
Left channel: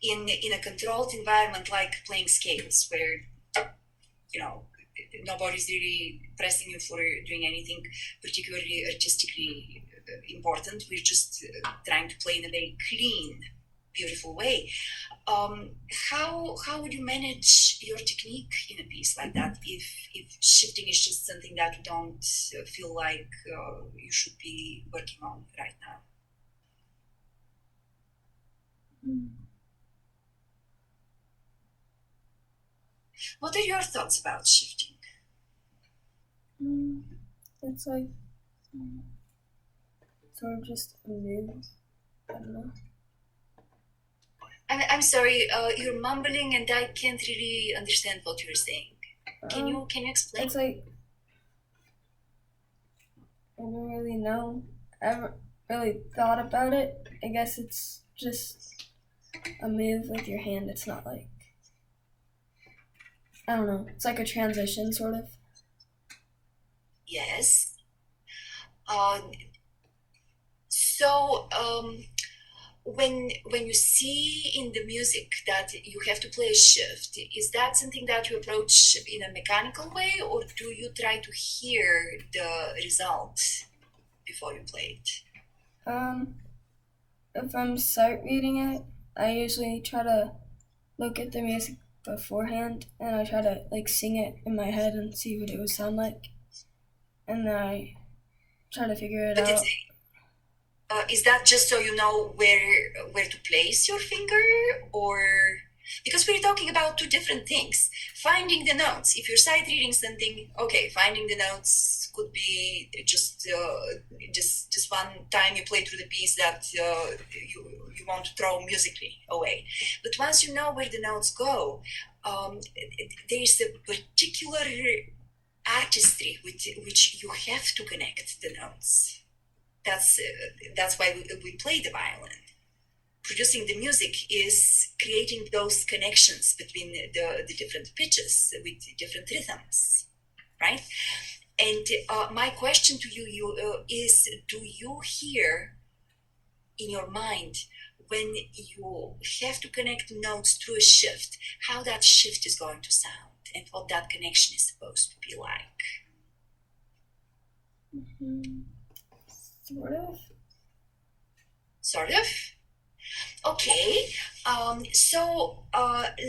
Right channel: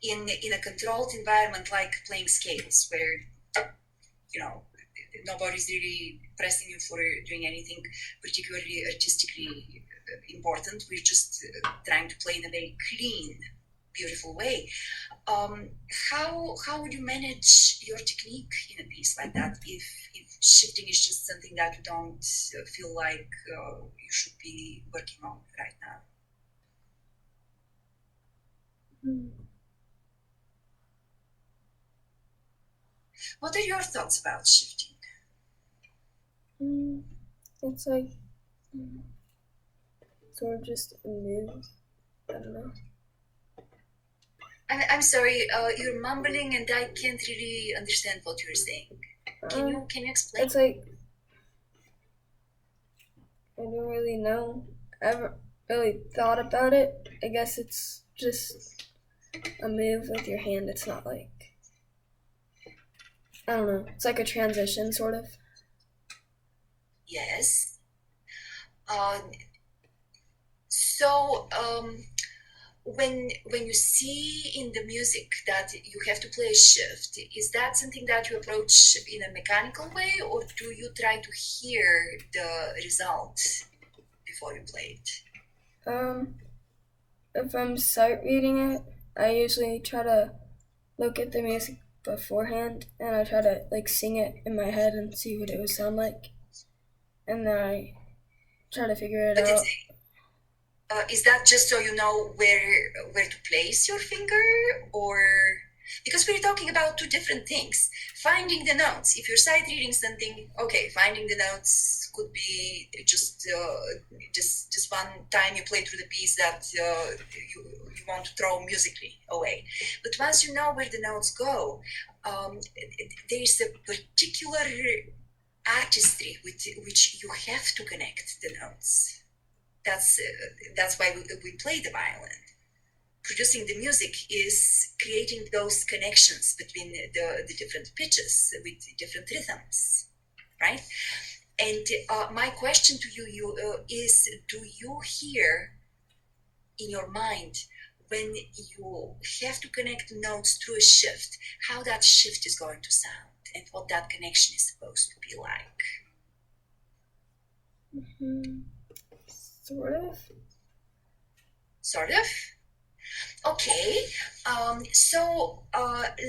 in a controlled environment like playing scales, where, you know, nobody's really pressing you for doing anything particularly artistically important. We're just trying to play in a very clean, beautiful way. How would you manage your technique in a piece like that if shifting is just something that you don't feel like you should be working on right now? What are your thoughts about shifting? It's like sort of just a move. I don't know. I'm sorry, you're mumbling and I can't really understand what you're saying. Can you explain? It's like, I don't really know. I haven't really thought about it. I guess it's just a move with your hand. It's not like, I don't know. It's like a transition, sort of. Yes. When you see in the music that you have to play a shift, is that something that you approach in a mechanical way, or do you try to hear the result before you play it? If I'm sight reading it, I usually try to look at the music beforehand, and I try to like sing it in my head and see what it would sound like, and then I try to figure it out. Is that just so you know where to place your finger, or because we're talking about two different things? Finding the notes. If you're sight reading something, okay, finding the notes could be just one time you play through the piece that you want to throw musically away. But once you know where the notes go, there's a particular artistry with which you have to connect the notes. That's why we play the violin. Producing the music is creating those connections between the different pitches with different rhythms, right? And my question to you is, do you hear in your mind when you have to connect notes through a shift, how that shift is going to sound and what that connection is supposed to be like? Sort of. Okay. So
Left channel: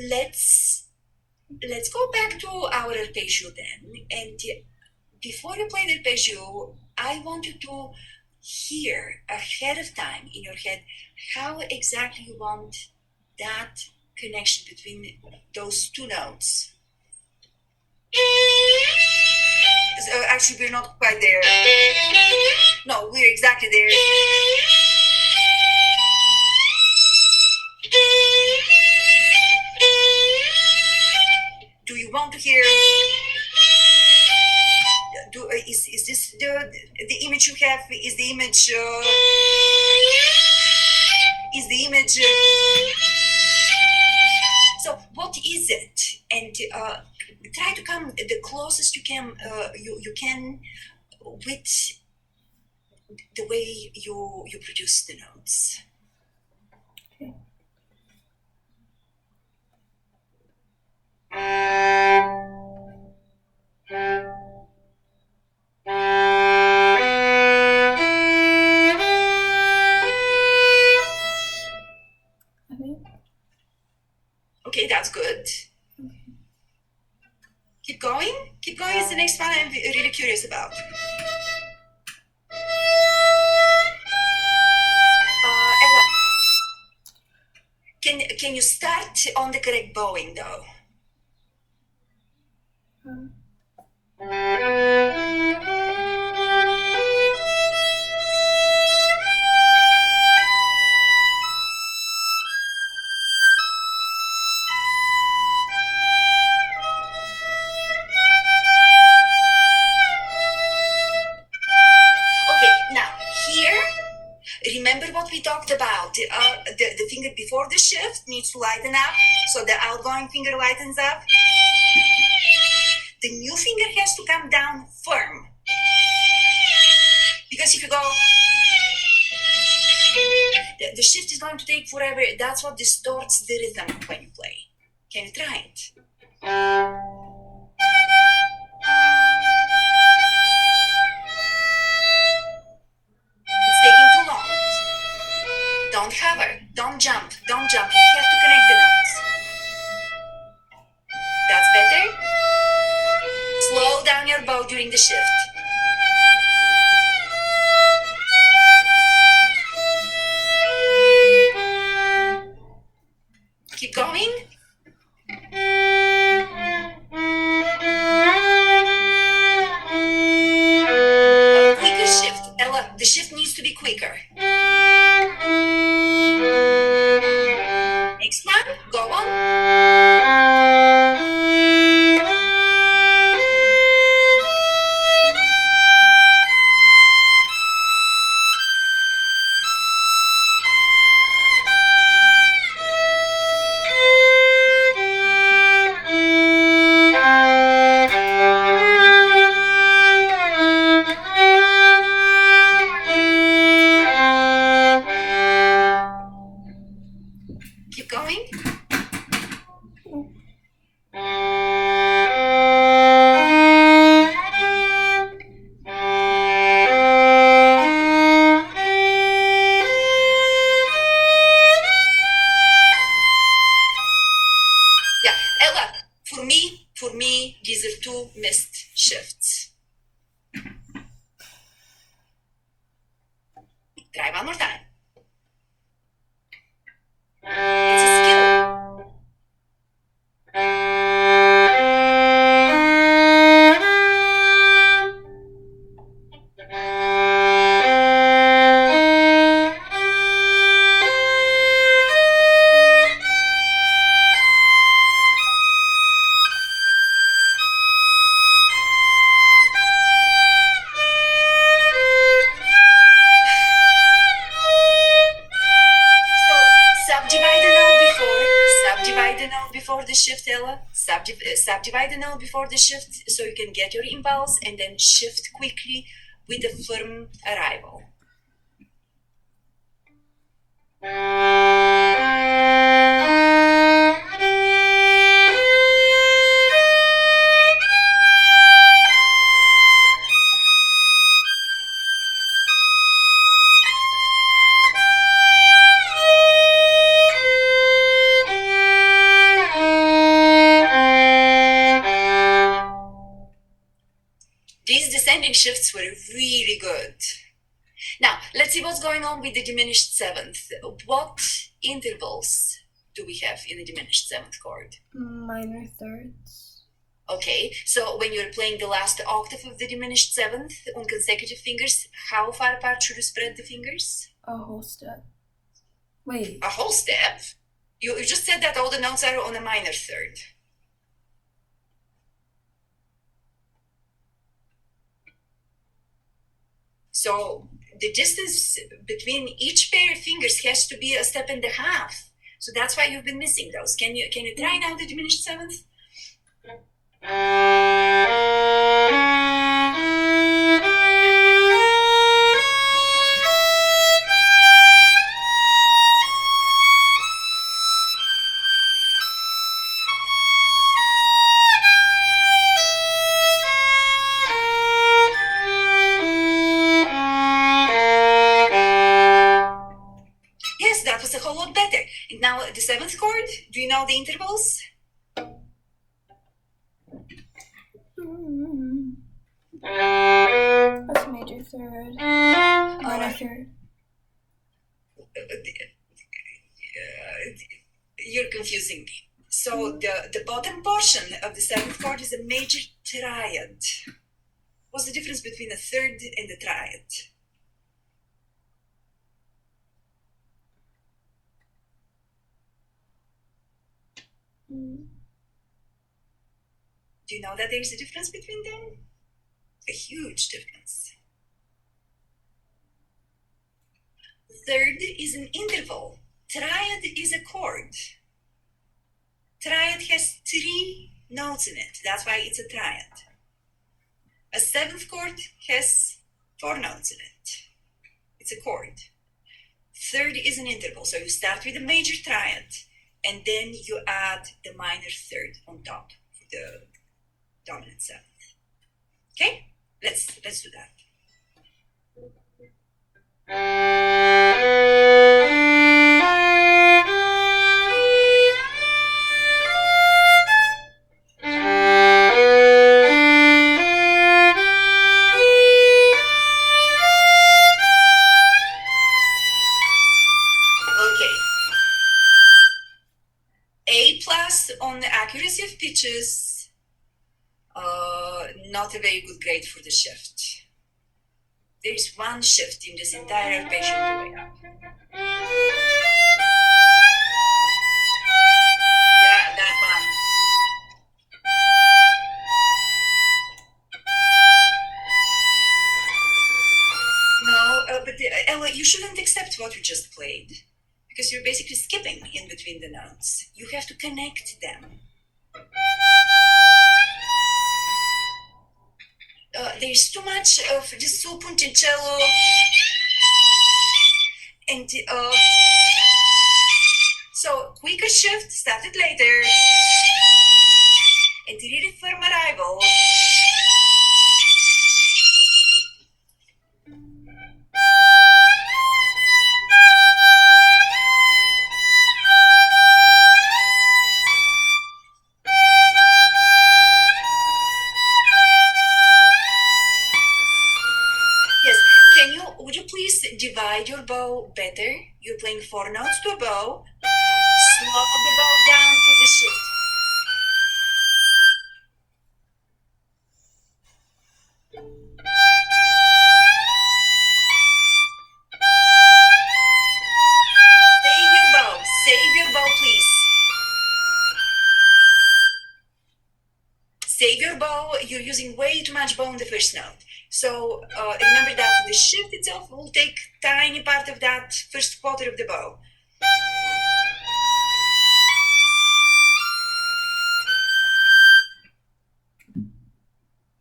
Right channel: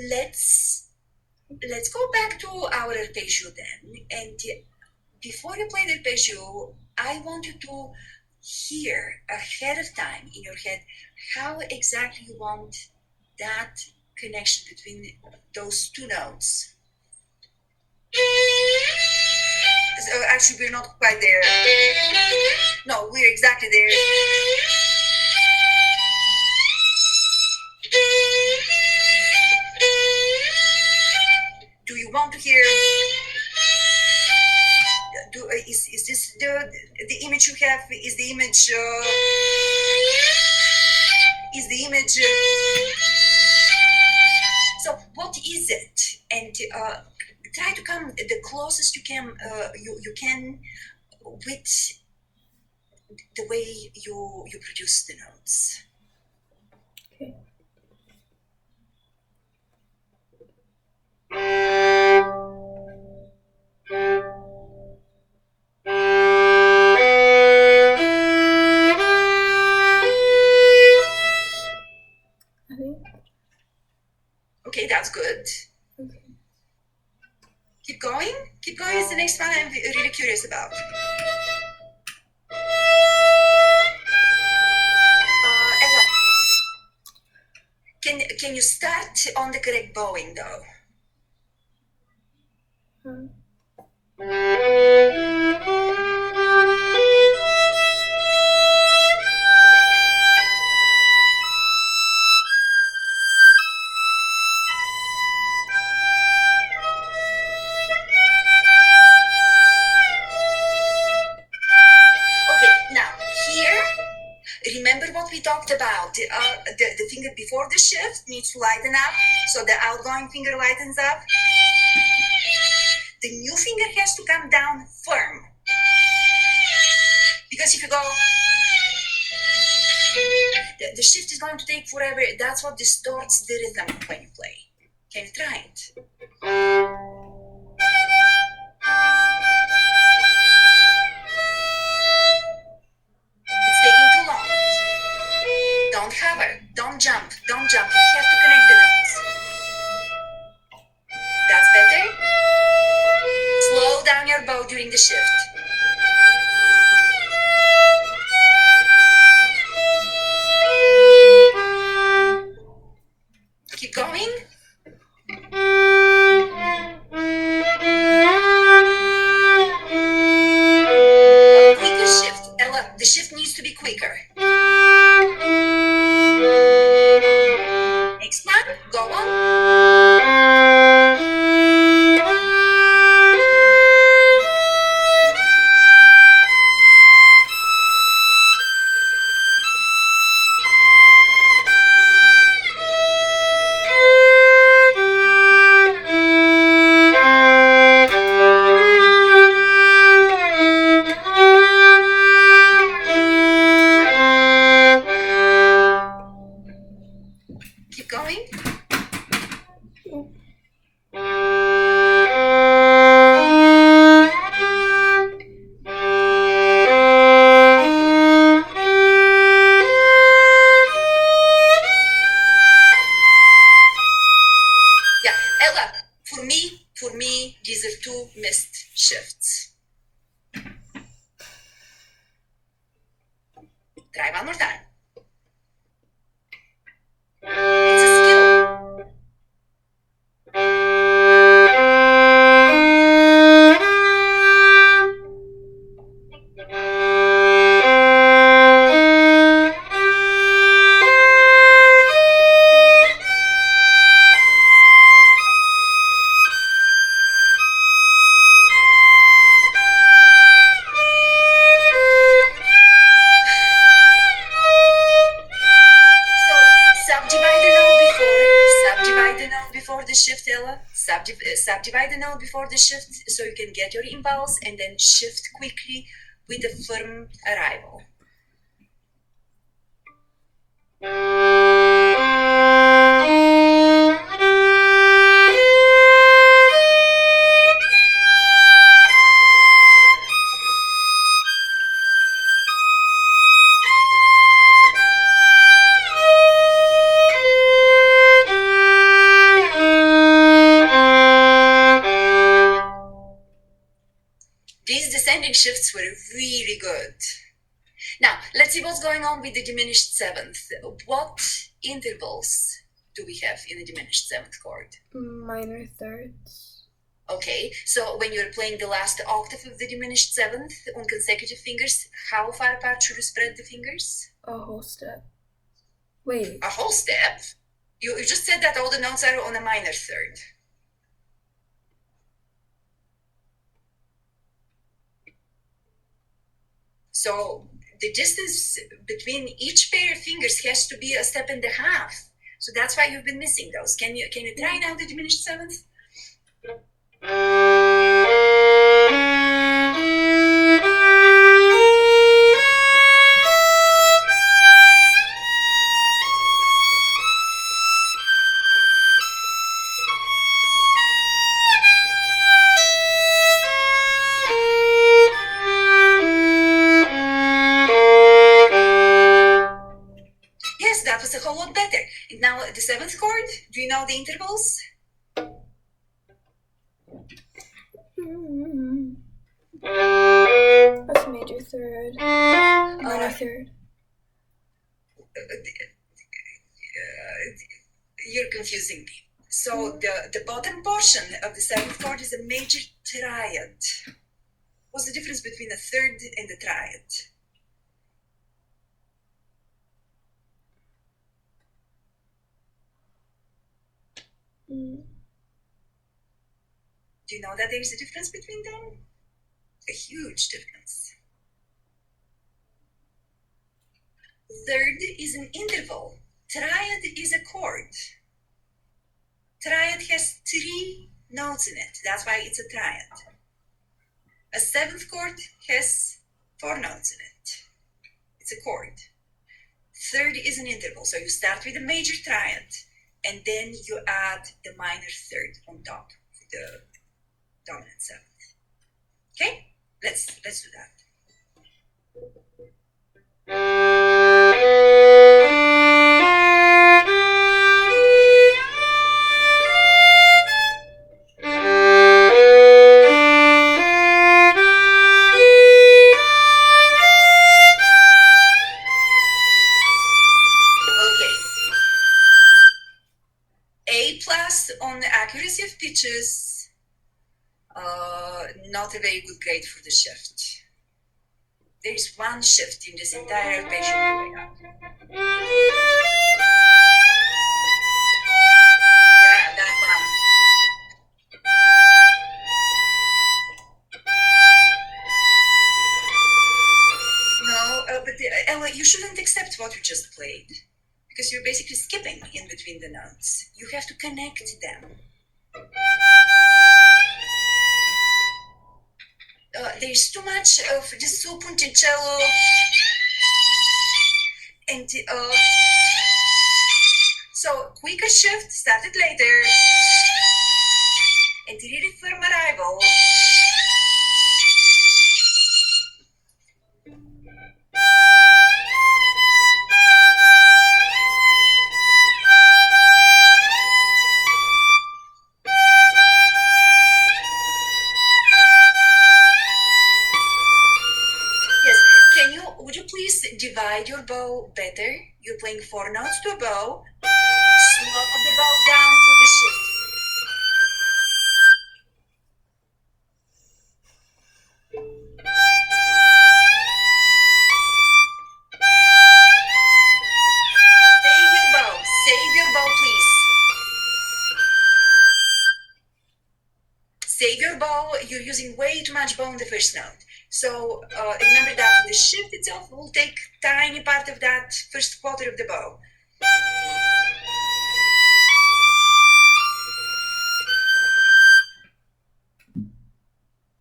let's go back to our arpeggio then. And before you play the arpeggio, I want you to hear ahead of time in your head how exactly you want that connection between those two notes. Actually, we're not quite there. No, we're exactly there. Do you want to hear? Is this the image you have? Is the image? Is the image? So what is it? And try to come the closest you can. You can with the way you produce the notes. Okay. I think. Okay, that's good. Okay. Keep going. Keep going is the next one I'm really curious about. Ella, can you start on the correct bowing though? Okay, now here, remember what we talked about. The finger before the shift needs to lighten up, so the outgoing finger lightens up. The new finger has to come down firm. Because if you go, the shift is going to take forever. That's what distorts the rhythm when you play. Can you try it? It's taking too long. Don't hover, don't jump. You have to connect the notes. That's better. Slow down your bow during the shift. Keep going. A quicker shift. Ella, the shift needs to be quicker. Next one, go on. Keep going. Yeah, Ella, for me, these are two missed shifts. Try one more time. It's a skill. So subdivide the note before the shift, Ella. Subdivide the note before the shift so you can get your impulse and then shift quickly with a firm arrival. These descending shifts were really good. Now, let's see what's going on with the diminished seventh. What intervals do we have in the diminished seventh chord? Minor thirds. Okay, so when you're playing the last octave of the diminished seventh on consecutive fingers, how far apart should you spread the fingers? A whole step. Wait. A whole step? You just said that all the notes are on a minor third. So the distance between each pair of fingers has to be a step and a half. So that's why you've been missing those. Can you try now the diminished seventh? Yes, that was a whole lot better. And now the seventh chord, do you know the intervals? That's major third. Minor third. you're confusing me. So the bottom portion of the seventh chord is a major triad. What's the difference between a third and a triad? Mm. Do you know that there's a difference between them? A huge difference. Third is an interval. Triad is a chord. Triad has 3 notes in it. That's why it's a triad. A seventh chord has 4 notes in it. It's a chord. Third is an interval. So you start with a major triad and then you add the minor third on top for the dominant seventh. Okay? Let's do that. Okay. A plus on the accuracy of pitches. Not a very good grade for the shift. There is one shift in this entire arpeggio on the way up. Yeah, that one. No, but Ella, you shouldn't accept what you just played because you're basically skipping in between the notes. You have to connect them. There's too much of just so punticello and so quicker shift started later and really firm arrival. Would you please divide your bow better? You're playing 4 notes to a bow. Slow the bow down for the shift. Save your bow, please. Save your bow. You're using way too much bow on the first note. So remember that the shift itself will take tiny part of that first quarter of the bow.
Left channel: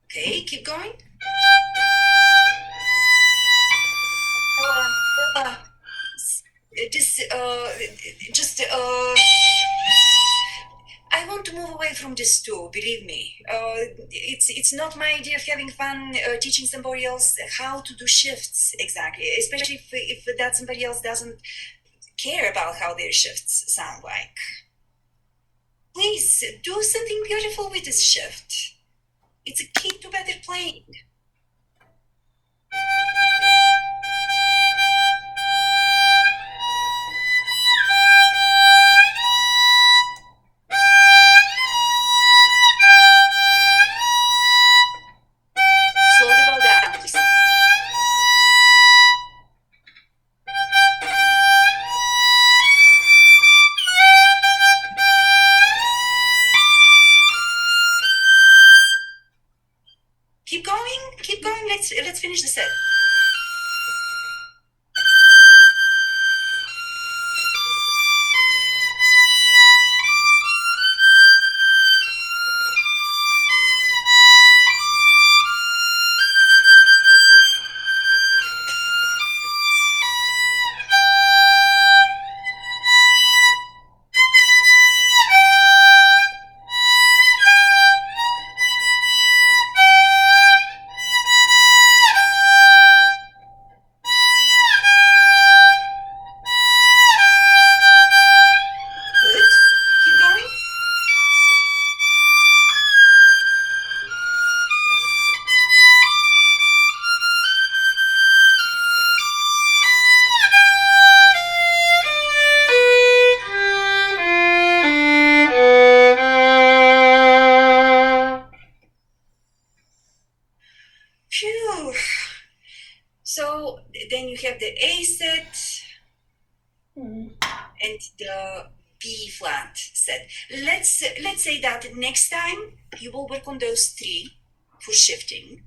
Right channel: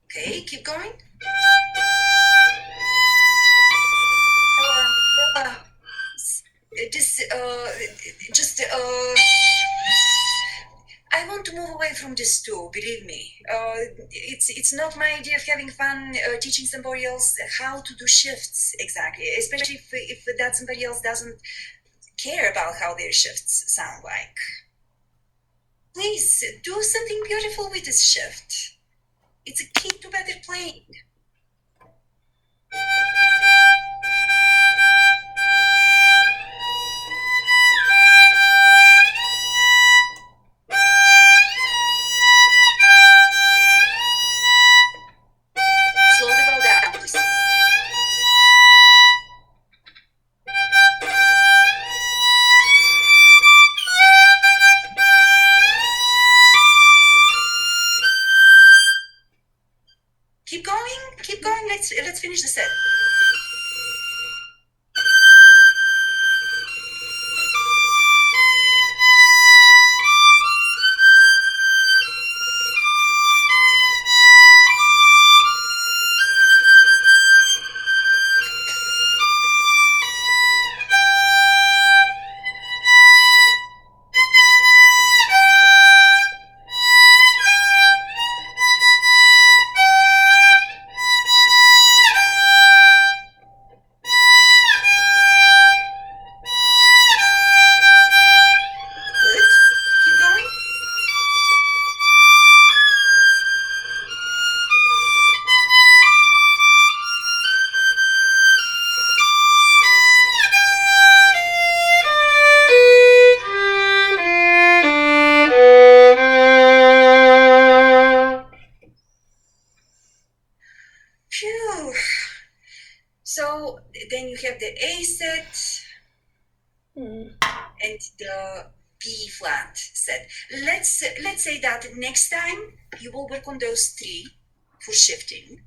Okay, keep going. I want to move away from this too, believe me. It's not my idea of having fun teaching somebody else how to do shifts exactly, especially if that somebody else doesn't care about how their shifts sound like. Please, do something beautiful with this shift. It's a key to better playing. Keep going. Let's finish the set. So then you have the A set Hmm. and the B flat set. Let's say that next time you will work on those three for shifting.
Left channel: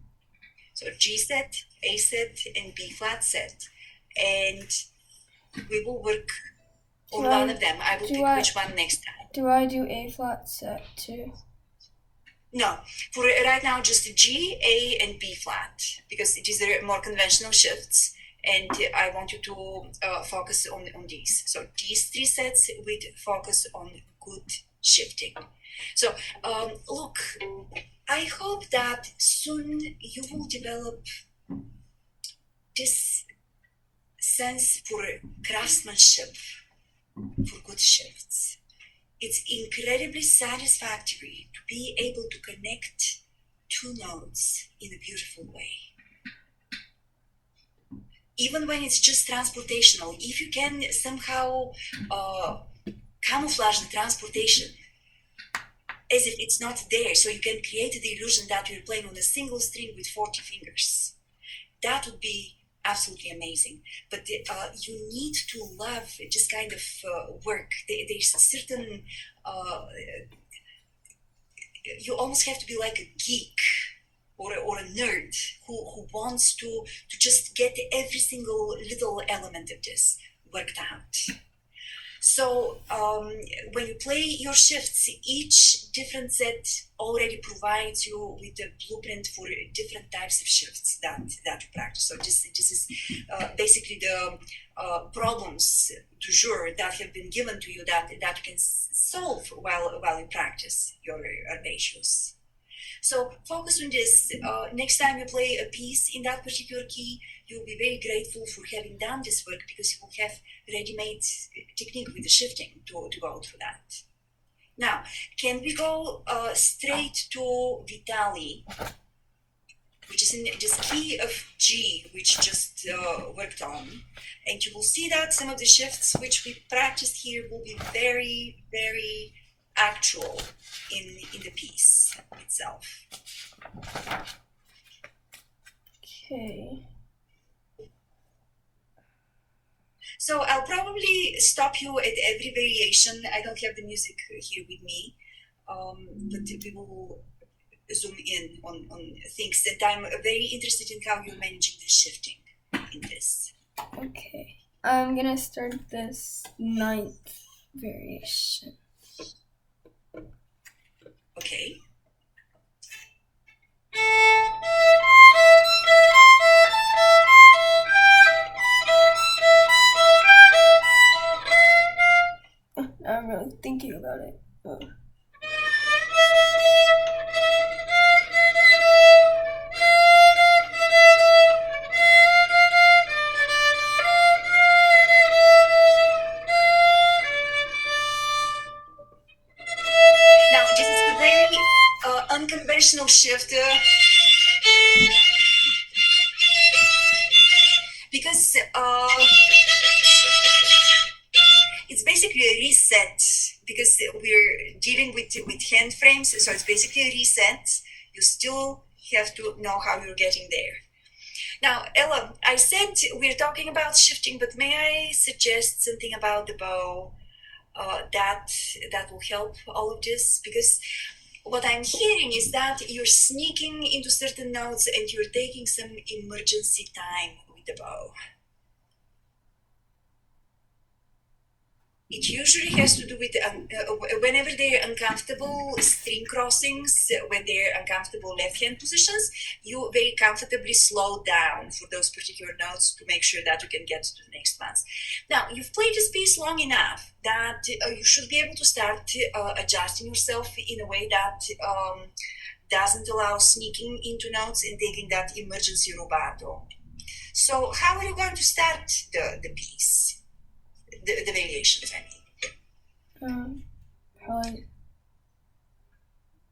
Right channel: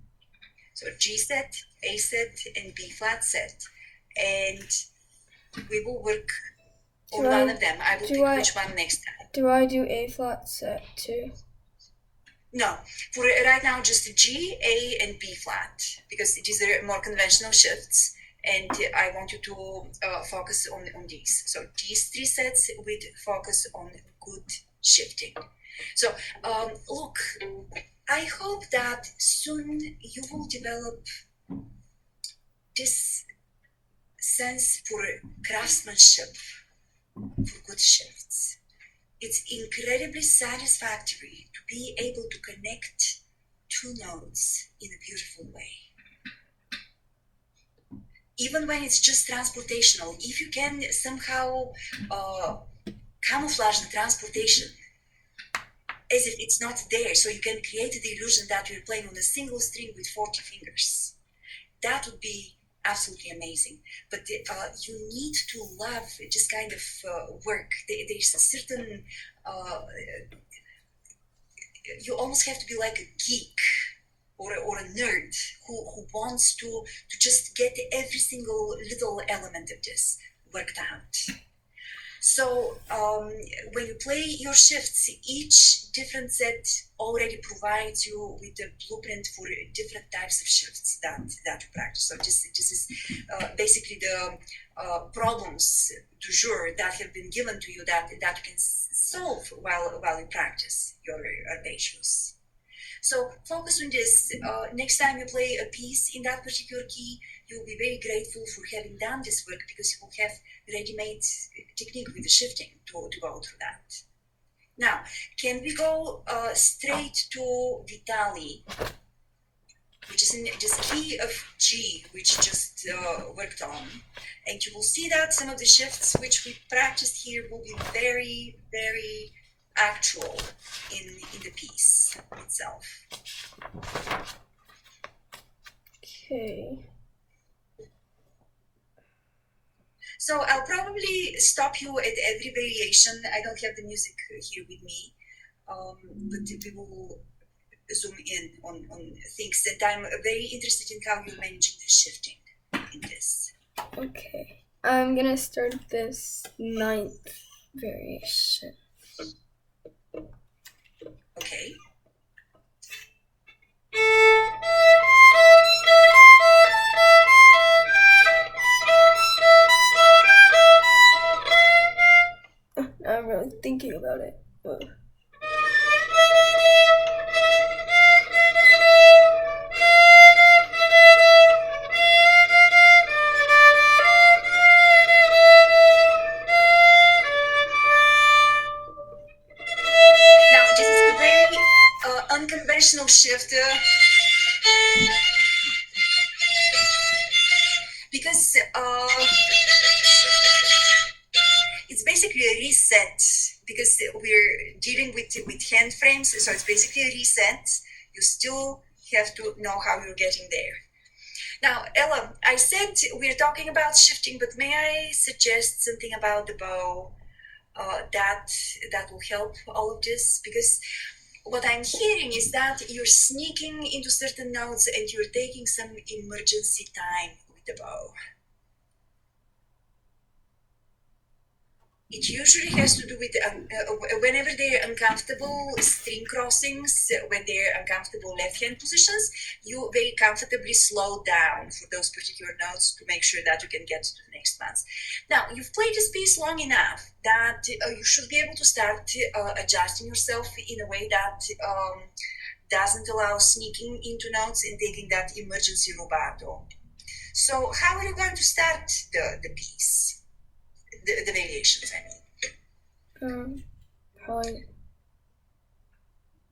So G set, A set, and B flat set, and we will work on Do one I- of them. I will do pick I- which one next time. Do I do A flat set too? No, for right now just G, A, and B flat because these are more conventional shifts, and I want you to focus on these. So these three sets with focus on good shifting. So look, I hope that soon you will develop this sense for craftsmanship for good shifts. It's incredibly satisfactory to be able to connect two notes in a beautiful way. Even when it's just transportational, if you can somehow camouflage the transportation as if it's not there, so you can create the illusion that you're playing on a single string with 40 fingers, that would be absolutely amazing. But you need to love this kind of work. There's a certain you almost have to be like a geek or a nerd who wants to just get every single little element of this worked out. So when you play your shifts, each different set already provides you with a blueprint for different types of shifts that you practice. So this is basically the problems du jour that have been given to you that you can solve while you practice your arpeggios. So focus on this. Next time you play a piece in that particular key, you'll be very grateful for having done this work because you will have ready-made technique with the shifting to go through that. Now, can we go straight to Vitali, which is in this key of G, which just worked on. And you will see that some of the shifts which we practiced here will be very, very actual in the piece itself. Okay. So I'll probably stop you at every variation. I don't have the music here with me, but we will zoom in on things that I'm very interested in how you're managing the shifting in this. Okay. I'm gonna start this 9th variation. Okay. I'm really thinking about it. Oh. Now this is a very unconventional shift because it's basically a reset because we're dealing with hand frames, so it's basically a reset. You still have to know how you're getting there. Now, Ella, I said we're talking about shifting, but may I suggest something about the bow that will help all of this? Because what I'm hearing is that you're sneaking into certain notes and you're taking some emergency time with the bow. It usually has to do with whenever they're uncomfortable string crossings, when they're uncomfortable left hand positions, you very comfortably slow down for those particular notes to make sure that you can get to the next ones. Now, you've played this piece long enough that you should be able to start adjusting yourself in a way that doesn't allow sneaking into notes and taking that emergency rubato. So how are you going to start the piece? The variations, I mean. Probably.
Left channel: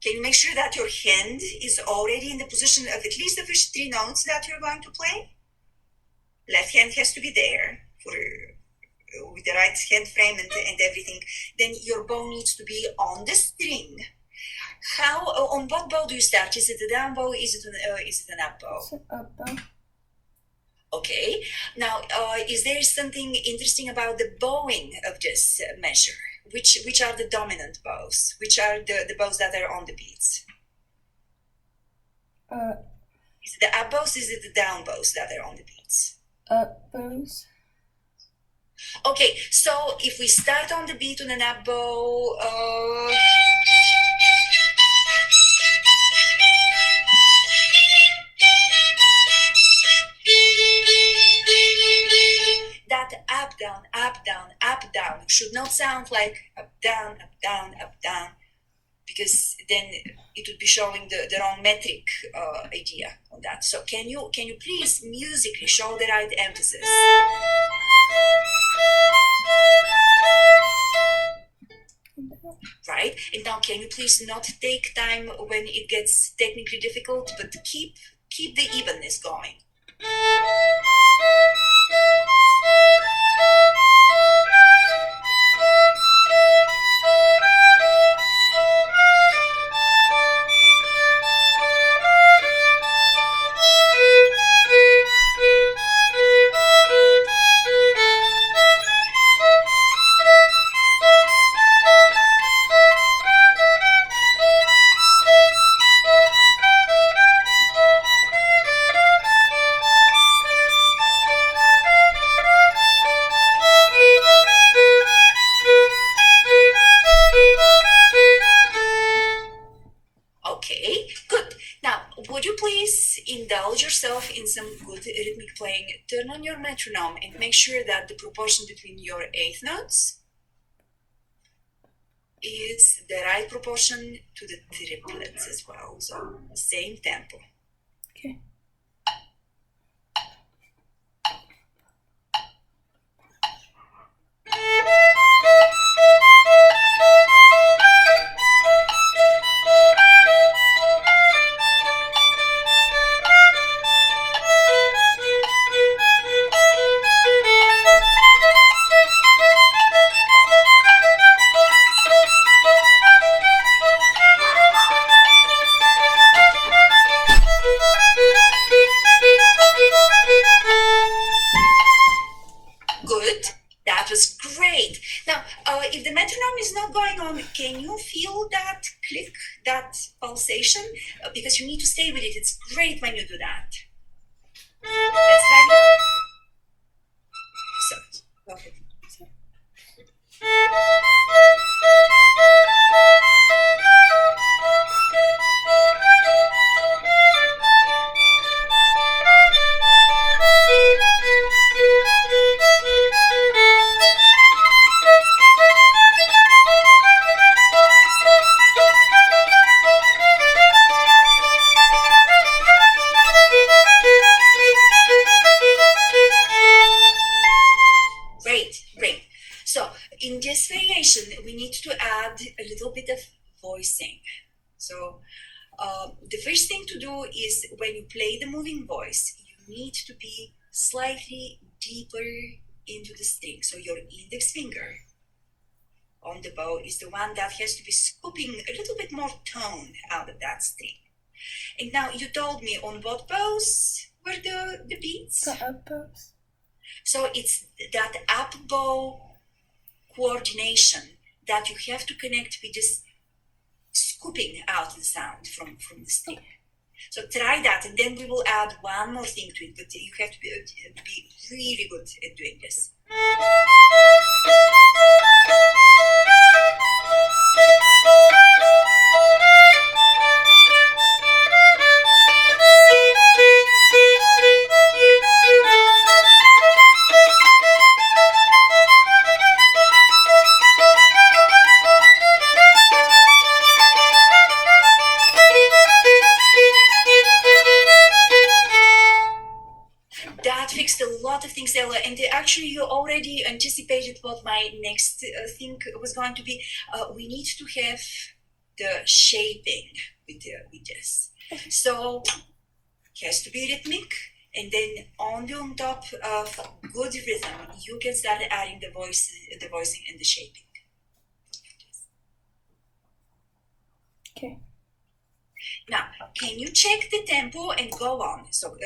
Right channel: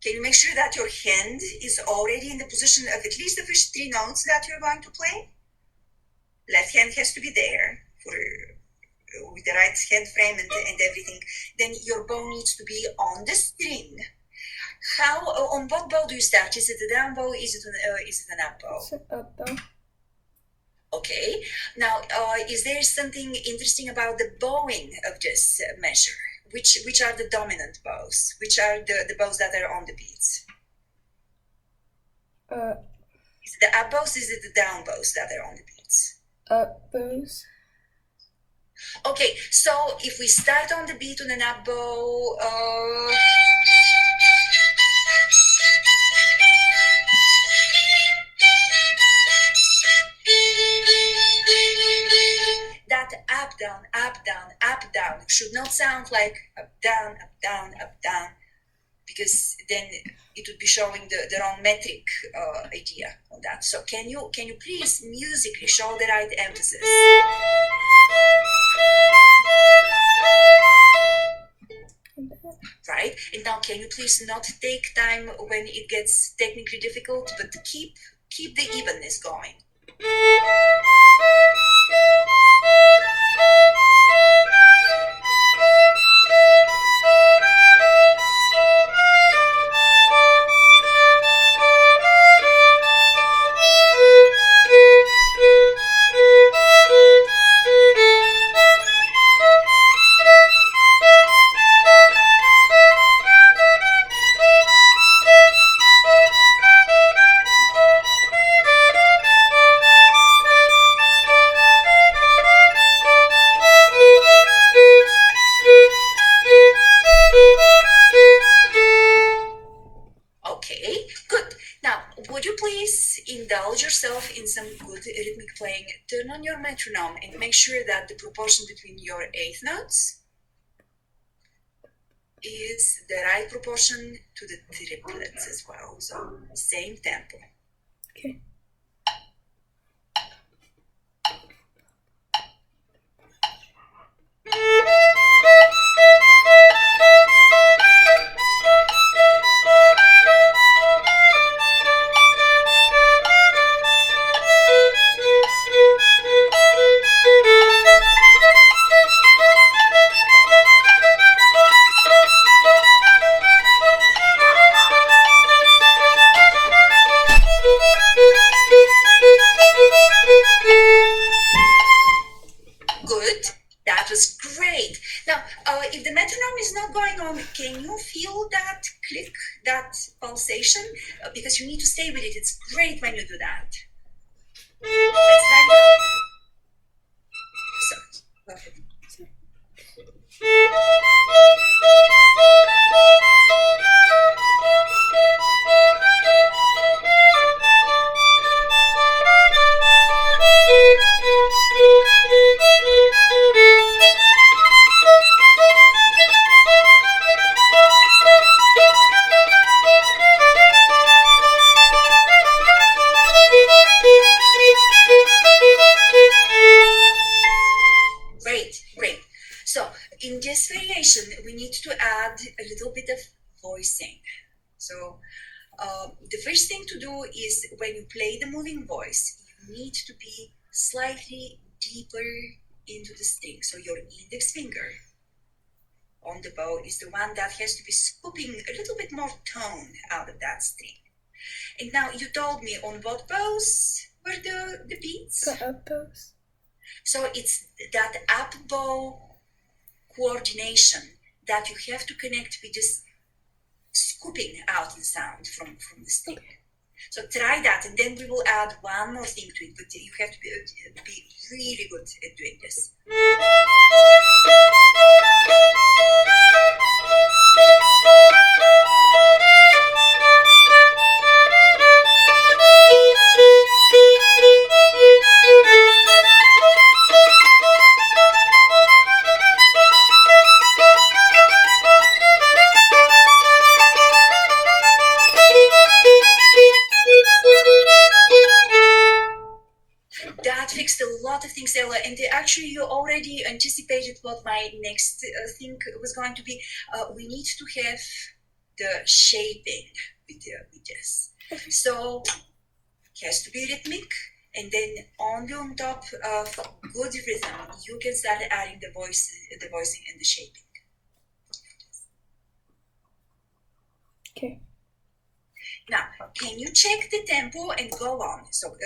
Can you make sure that your hand is already in the position of at least the first three notes that you're going to play? Left hand has to be there for with the right hand frame and everything. Then your bow needs to be on the string. How on what bow do you start? Is it a down bow? Is it an up bow? It's an up bow. Okay. Now, is there something interesting about the bowing of this measure? Which are the dominant bows? Which are the bows that are on the beats? Is it the up bows? Is it the down bows that are on the beats? Up bows. Okay, so if we start on the beat on an up bow, that up down should not sound like up down, because then it would be showing the wrong metric idea on that. So can you please musically show the right emphasis? Right? And now can you please not take time when it gets technically difficult, but keep the evenness going. Okay, good. Now, would you please indulge yourself in some good rhythmic playing? Turn on your metronome and make sure that the proportion between your eighth notes is the right proportion to the triplets as well. So, same tempo. Okay. Good. That was great. Now, if the metronome is not going on, can you feel that click, that pulsation? Because you need to stay with it. It's great when you do that. Let's try it. So, go ahead. Great. So in this variation, we need to add a little bit of voicing. So the first thing to do is when you play the moving voice, you need to be slightly deeper into the string. So your index finger on the bow is the one that has to be scooping a little bit more tone out of that string. And now you told me on what bows were the beats? The up bows. So it's that up bow coordination that you have to connect with this scooping out the sound from the string. So try that, and then we will add one more thing to it, but you have to be really good at doing this. That fixed a lot of things, Ella, and actually you already anticipated what my next thing was going to be. We need to have the shaping with this. So it has to be rhythmic, and then on top of good rhythm, you can start adding the voicing and the shaping. Okay. Now, can you check the tempo and go on? So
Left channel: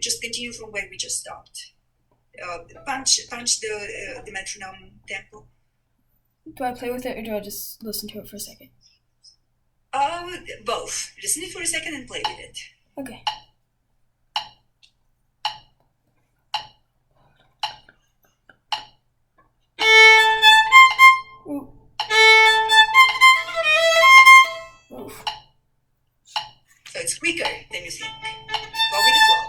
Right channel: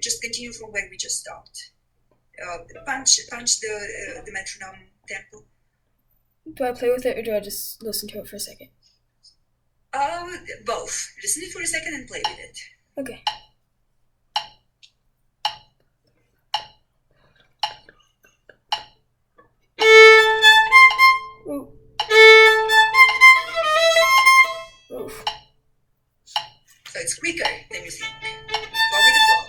just continue from where we just stopped. Punch the metronome tempo. Do I play with it or do I just listen to it for a second? Both. Listen to it for a second and play with it. Okay. Ooh. Oof. So it's quicker than you think. Go with the flow.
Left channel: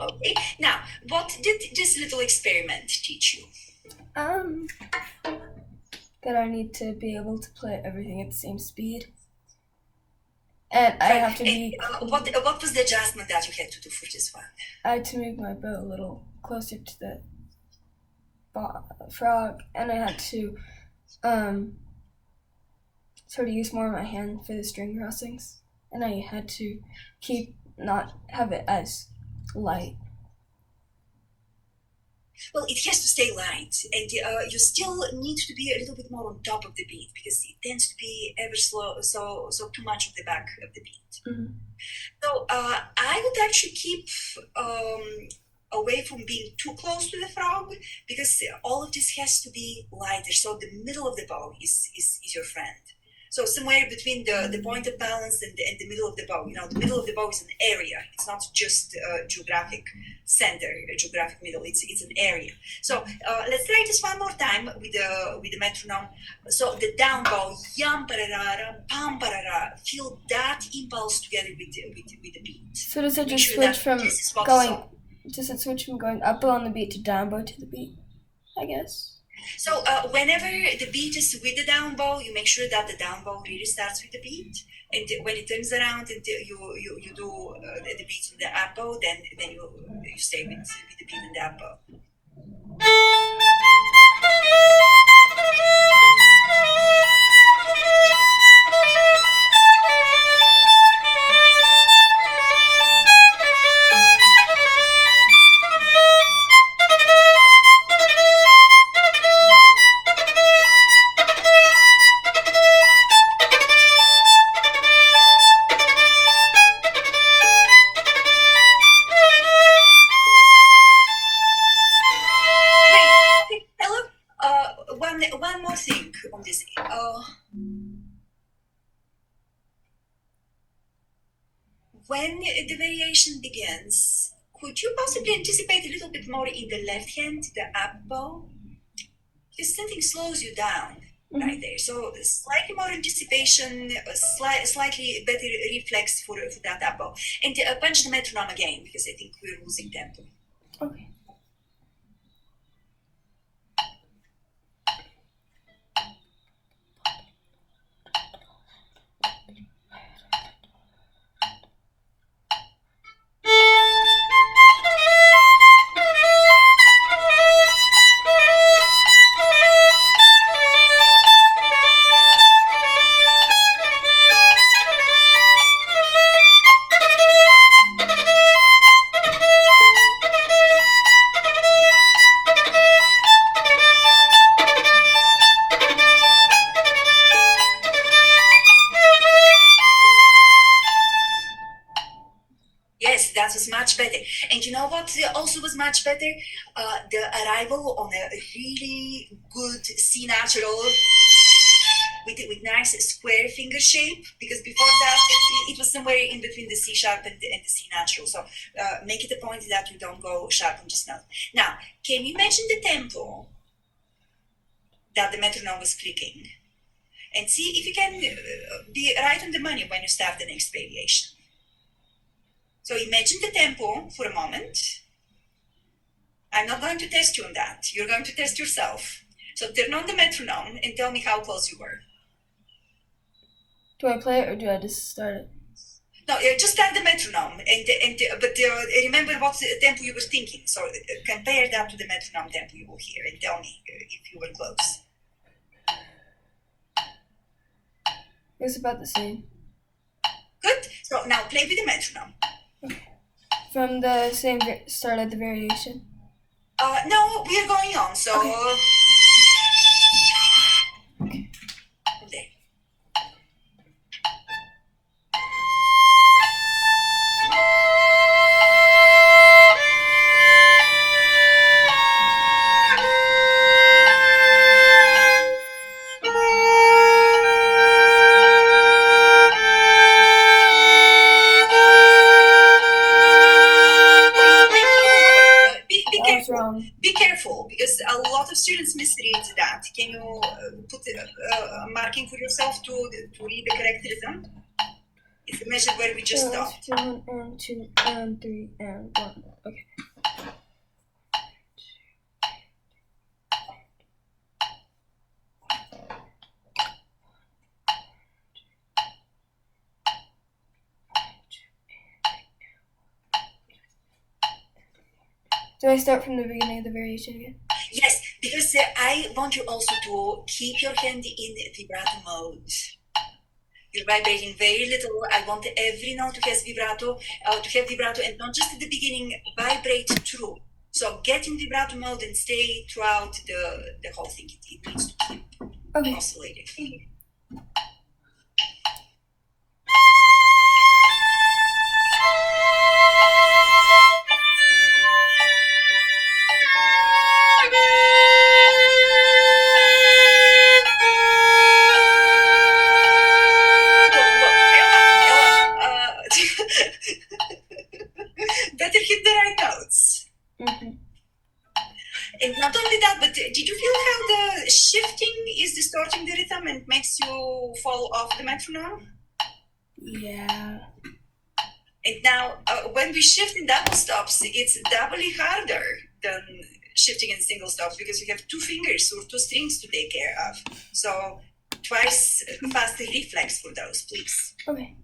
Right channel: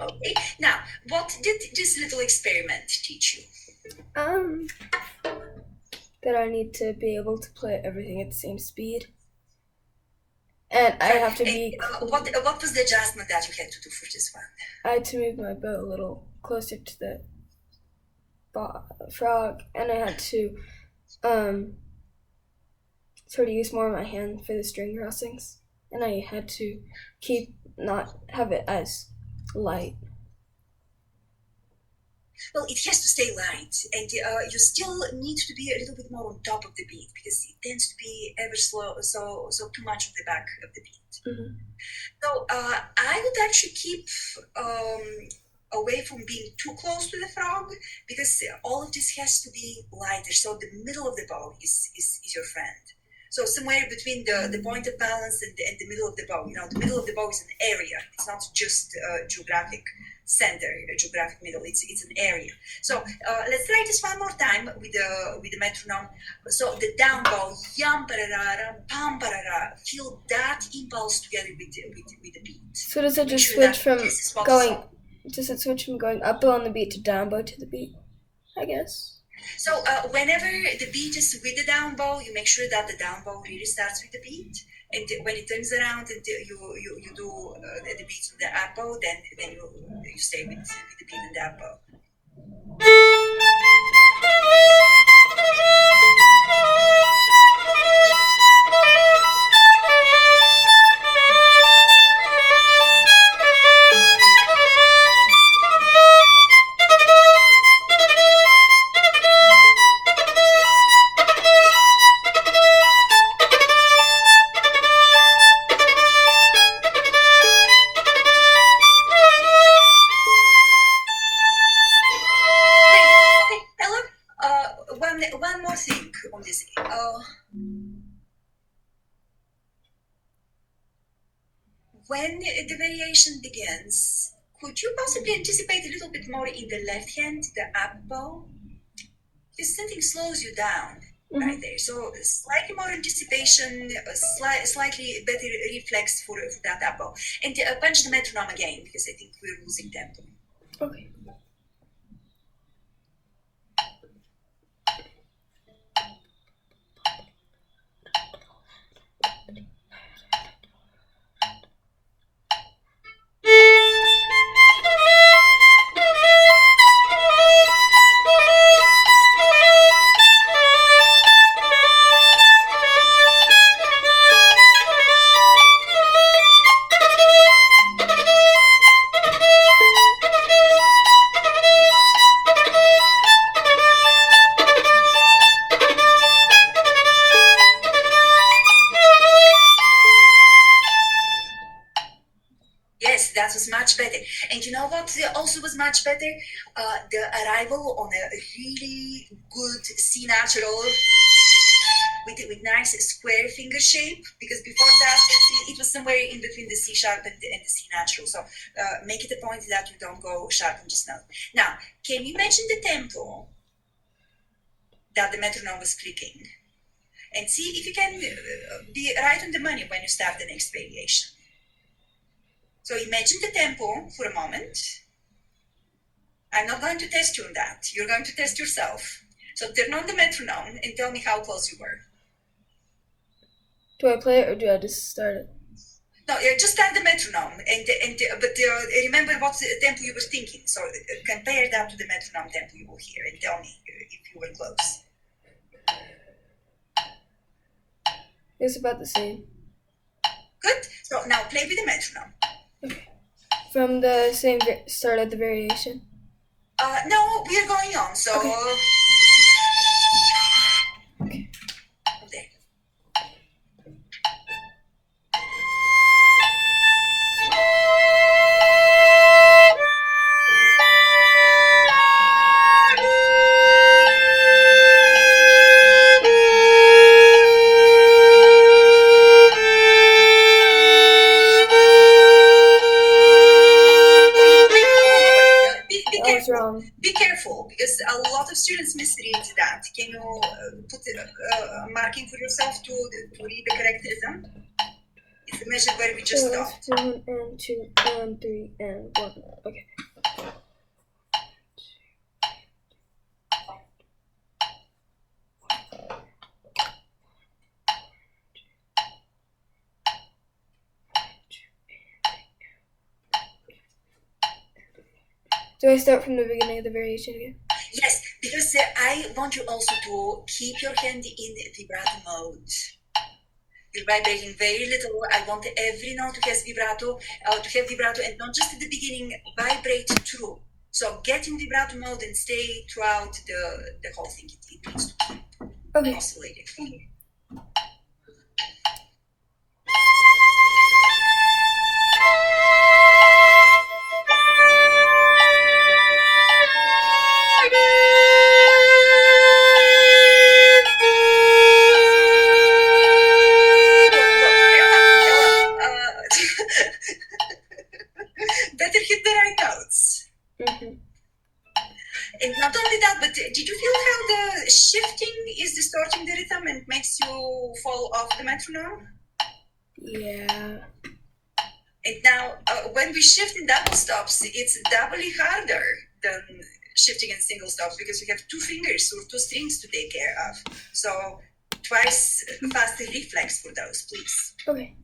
Okay. Now, what did this little experiment teach you? That I need to be able to play everything at the same speed. And I have to be... What was the adjustment that you had to do for this one? I had to move my bow a little closer to the frog, and I had to sort of use more of my hand for the string crossings, and I had to not have it as light. Well, it has to stay light, and you still need to be a little bit more on top of the beat because it tends to be ever slow, so too much of the back of the beat. Mm-hmm. So I would actually keep away from being too close to the frog because all of this has to be lighter. So the middle of the bow is your friend. So somewhere between the point of balance and the middle of the bow. You know, the middle of the bow is an area. It's not just a geographic center, a geographic middle. It's an area. So let's try this one more time with the metronome. So the down bow, yam pararara, pam parara. Feel that impulse together with the beat. So does it just Make sure switch from that this is what's going? on. Does it switch from going up bow on the beat to down bow to the beat? I guess. So whenever the beat is with the down bow, you make sure that the down bow really starts with the beat. And when it turns around and you do the beat on the up bow, then you stay with the beat on the up bow. One more thing on this. When the variation begins, could you possibly anticipate a little bit more in the left hand, the up bow? Because something slows you down right there. So slightly more anticipation, slightly better reflex for that up bow. And punch the metronome again because I think we're losing tempo. Okay. Yes, that was much better. And you know what also was much better? The arrival on a really good C natural with nice square finger shape, because before that it was somewhere in between the C sharp and the C natural. So make it a point that you don't go sharp on this note. Now, can you imagine the tempo that the metronome was clicking? And see if you can be right on the money when you start the next variation. So imagine the tempo for a moment. I'm not going to test you on that. You're going to test yourself. So turn on the metronome and tell me how close you were. Do I play it or do I just start it? No, just start the metronome, but remember what tempo you were thinking. So compare that to the metronome tempo you will hear, and tell me if you were close. It's about the same. Good. So now play with the metronome. From the same start of the variation. No, we are going on. So there. Be I was careful. wrong. Be careful because a lot of students misread that. Can you put a marking for yourself to read the correct rhythm? It's the measure where we just stopped. 1 and 2 and 3 and 1. Okay. Do I start from the beginning of the variation again? Yes, because I want you also to keep your hand in vibrato mode. You're vibrating very little. I want every note to have vibrato, and not just at the beginning. Vibrate through. So get in vibrato mode and stay throughout the whole thing. It needs to keep oscillating. Better hit the right notes. Mm-hmm. And not only that, but did you feel how the shifting is distorting the rhythm and makes you fall off the metronome? Yeah. And now, when we shift in double stops, it's doubly harder than shifting in single stops because you have 2 fingers or 2 strings to take care of. So twice faster reflex for those, please. Okay.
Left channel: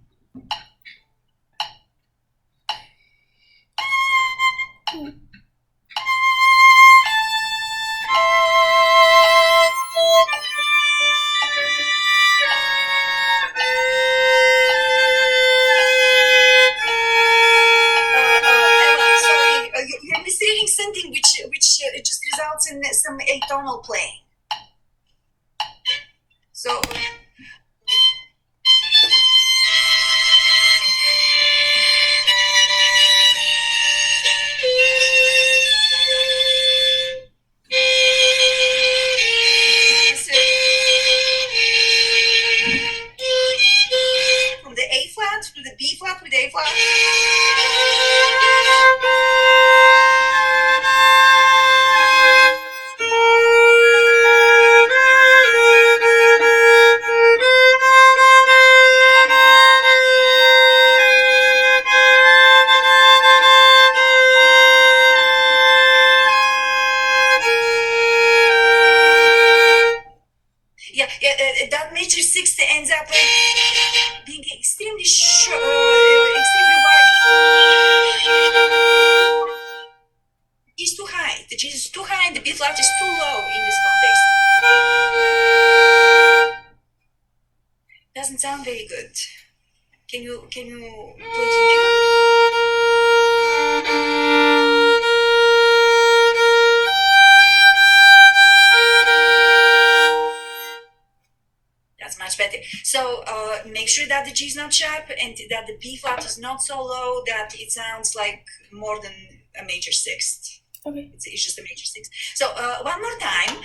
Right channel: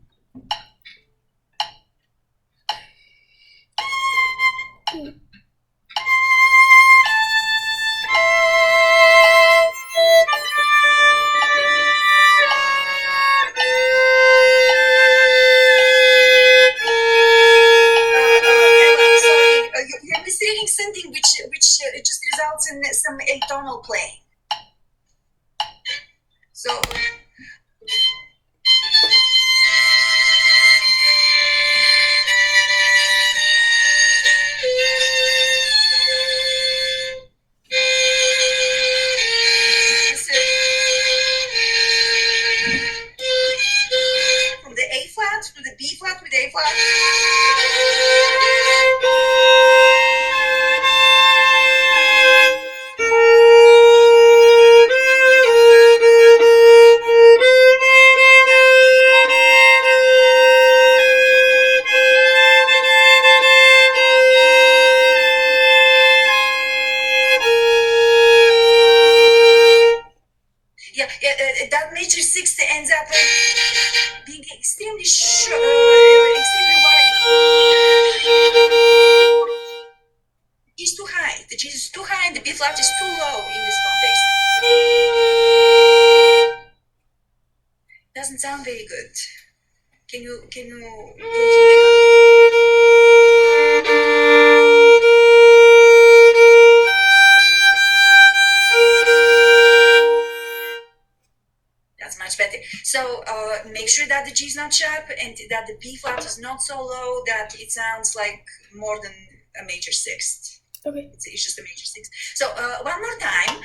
You're misreading something which just results in some atonal playing. So from the A flat to the B flat with A flat. That major 6th ends up being extremely short, extremely wide. It's too high. The G is too high and the B flat is too low in this context. Doesn't sound very good. Can you continue? That's much better. So make sure that the G is not sharp and that the B flat is not so low that it sounds like more than a major 6th. Okay. It's just a major 6th. So one more time.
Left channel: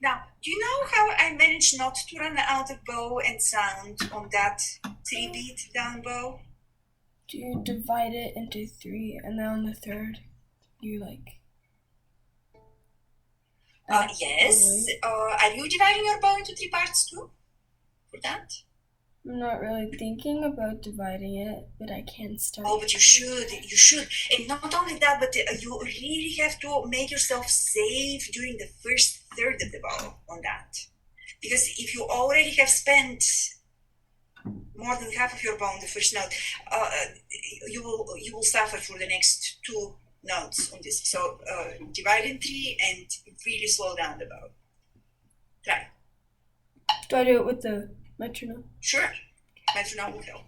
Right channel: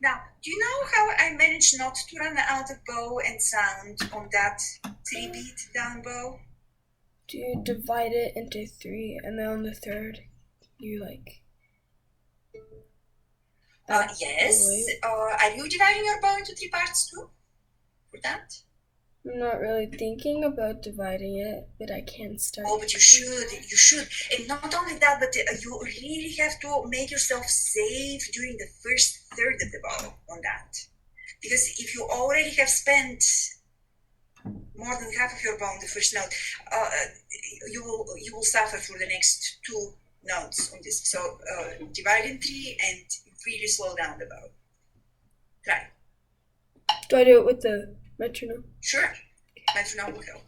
Now, do you know how I managed not to run out of bow and sound on that 3-beat down bow? Do you divide it into 3 and then on the third you Yes. Are you dividing your bow into 3 parts too? For that? I'm not really thinking about dividing it, but I can start. Oh, but you should. And not only that, but you really have to make yourself safe during the first third of the bow on that. Because if you already have spent more than half of your bow on the first note, you will suffer for the next 2 notes on this. So divide in 3 and really slow down the bow. Try. Do I do it with the metronome? Sure. Metronome will help.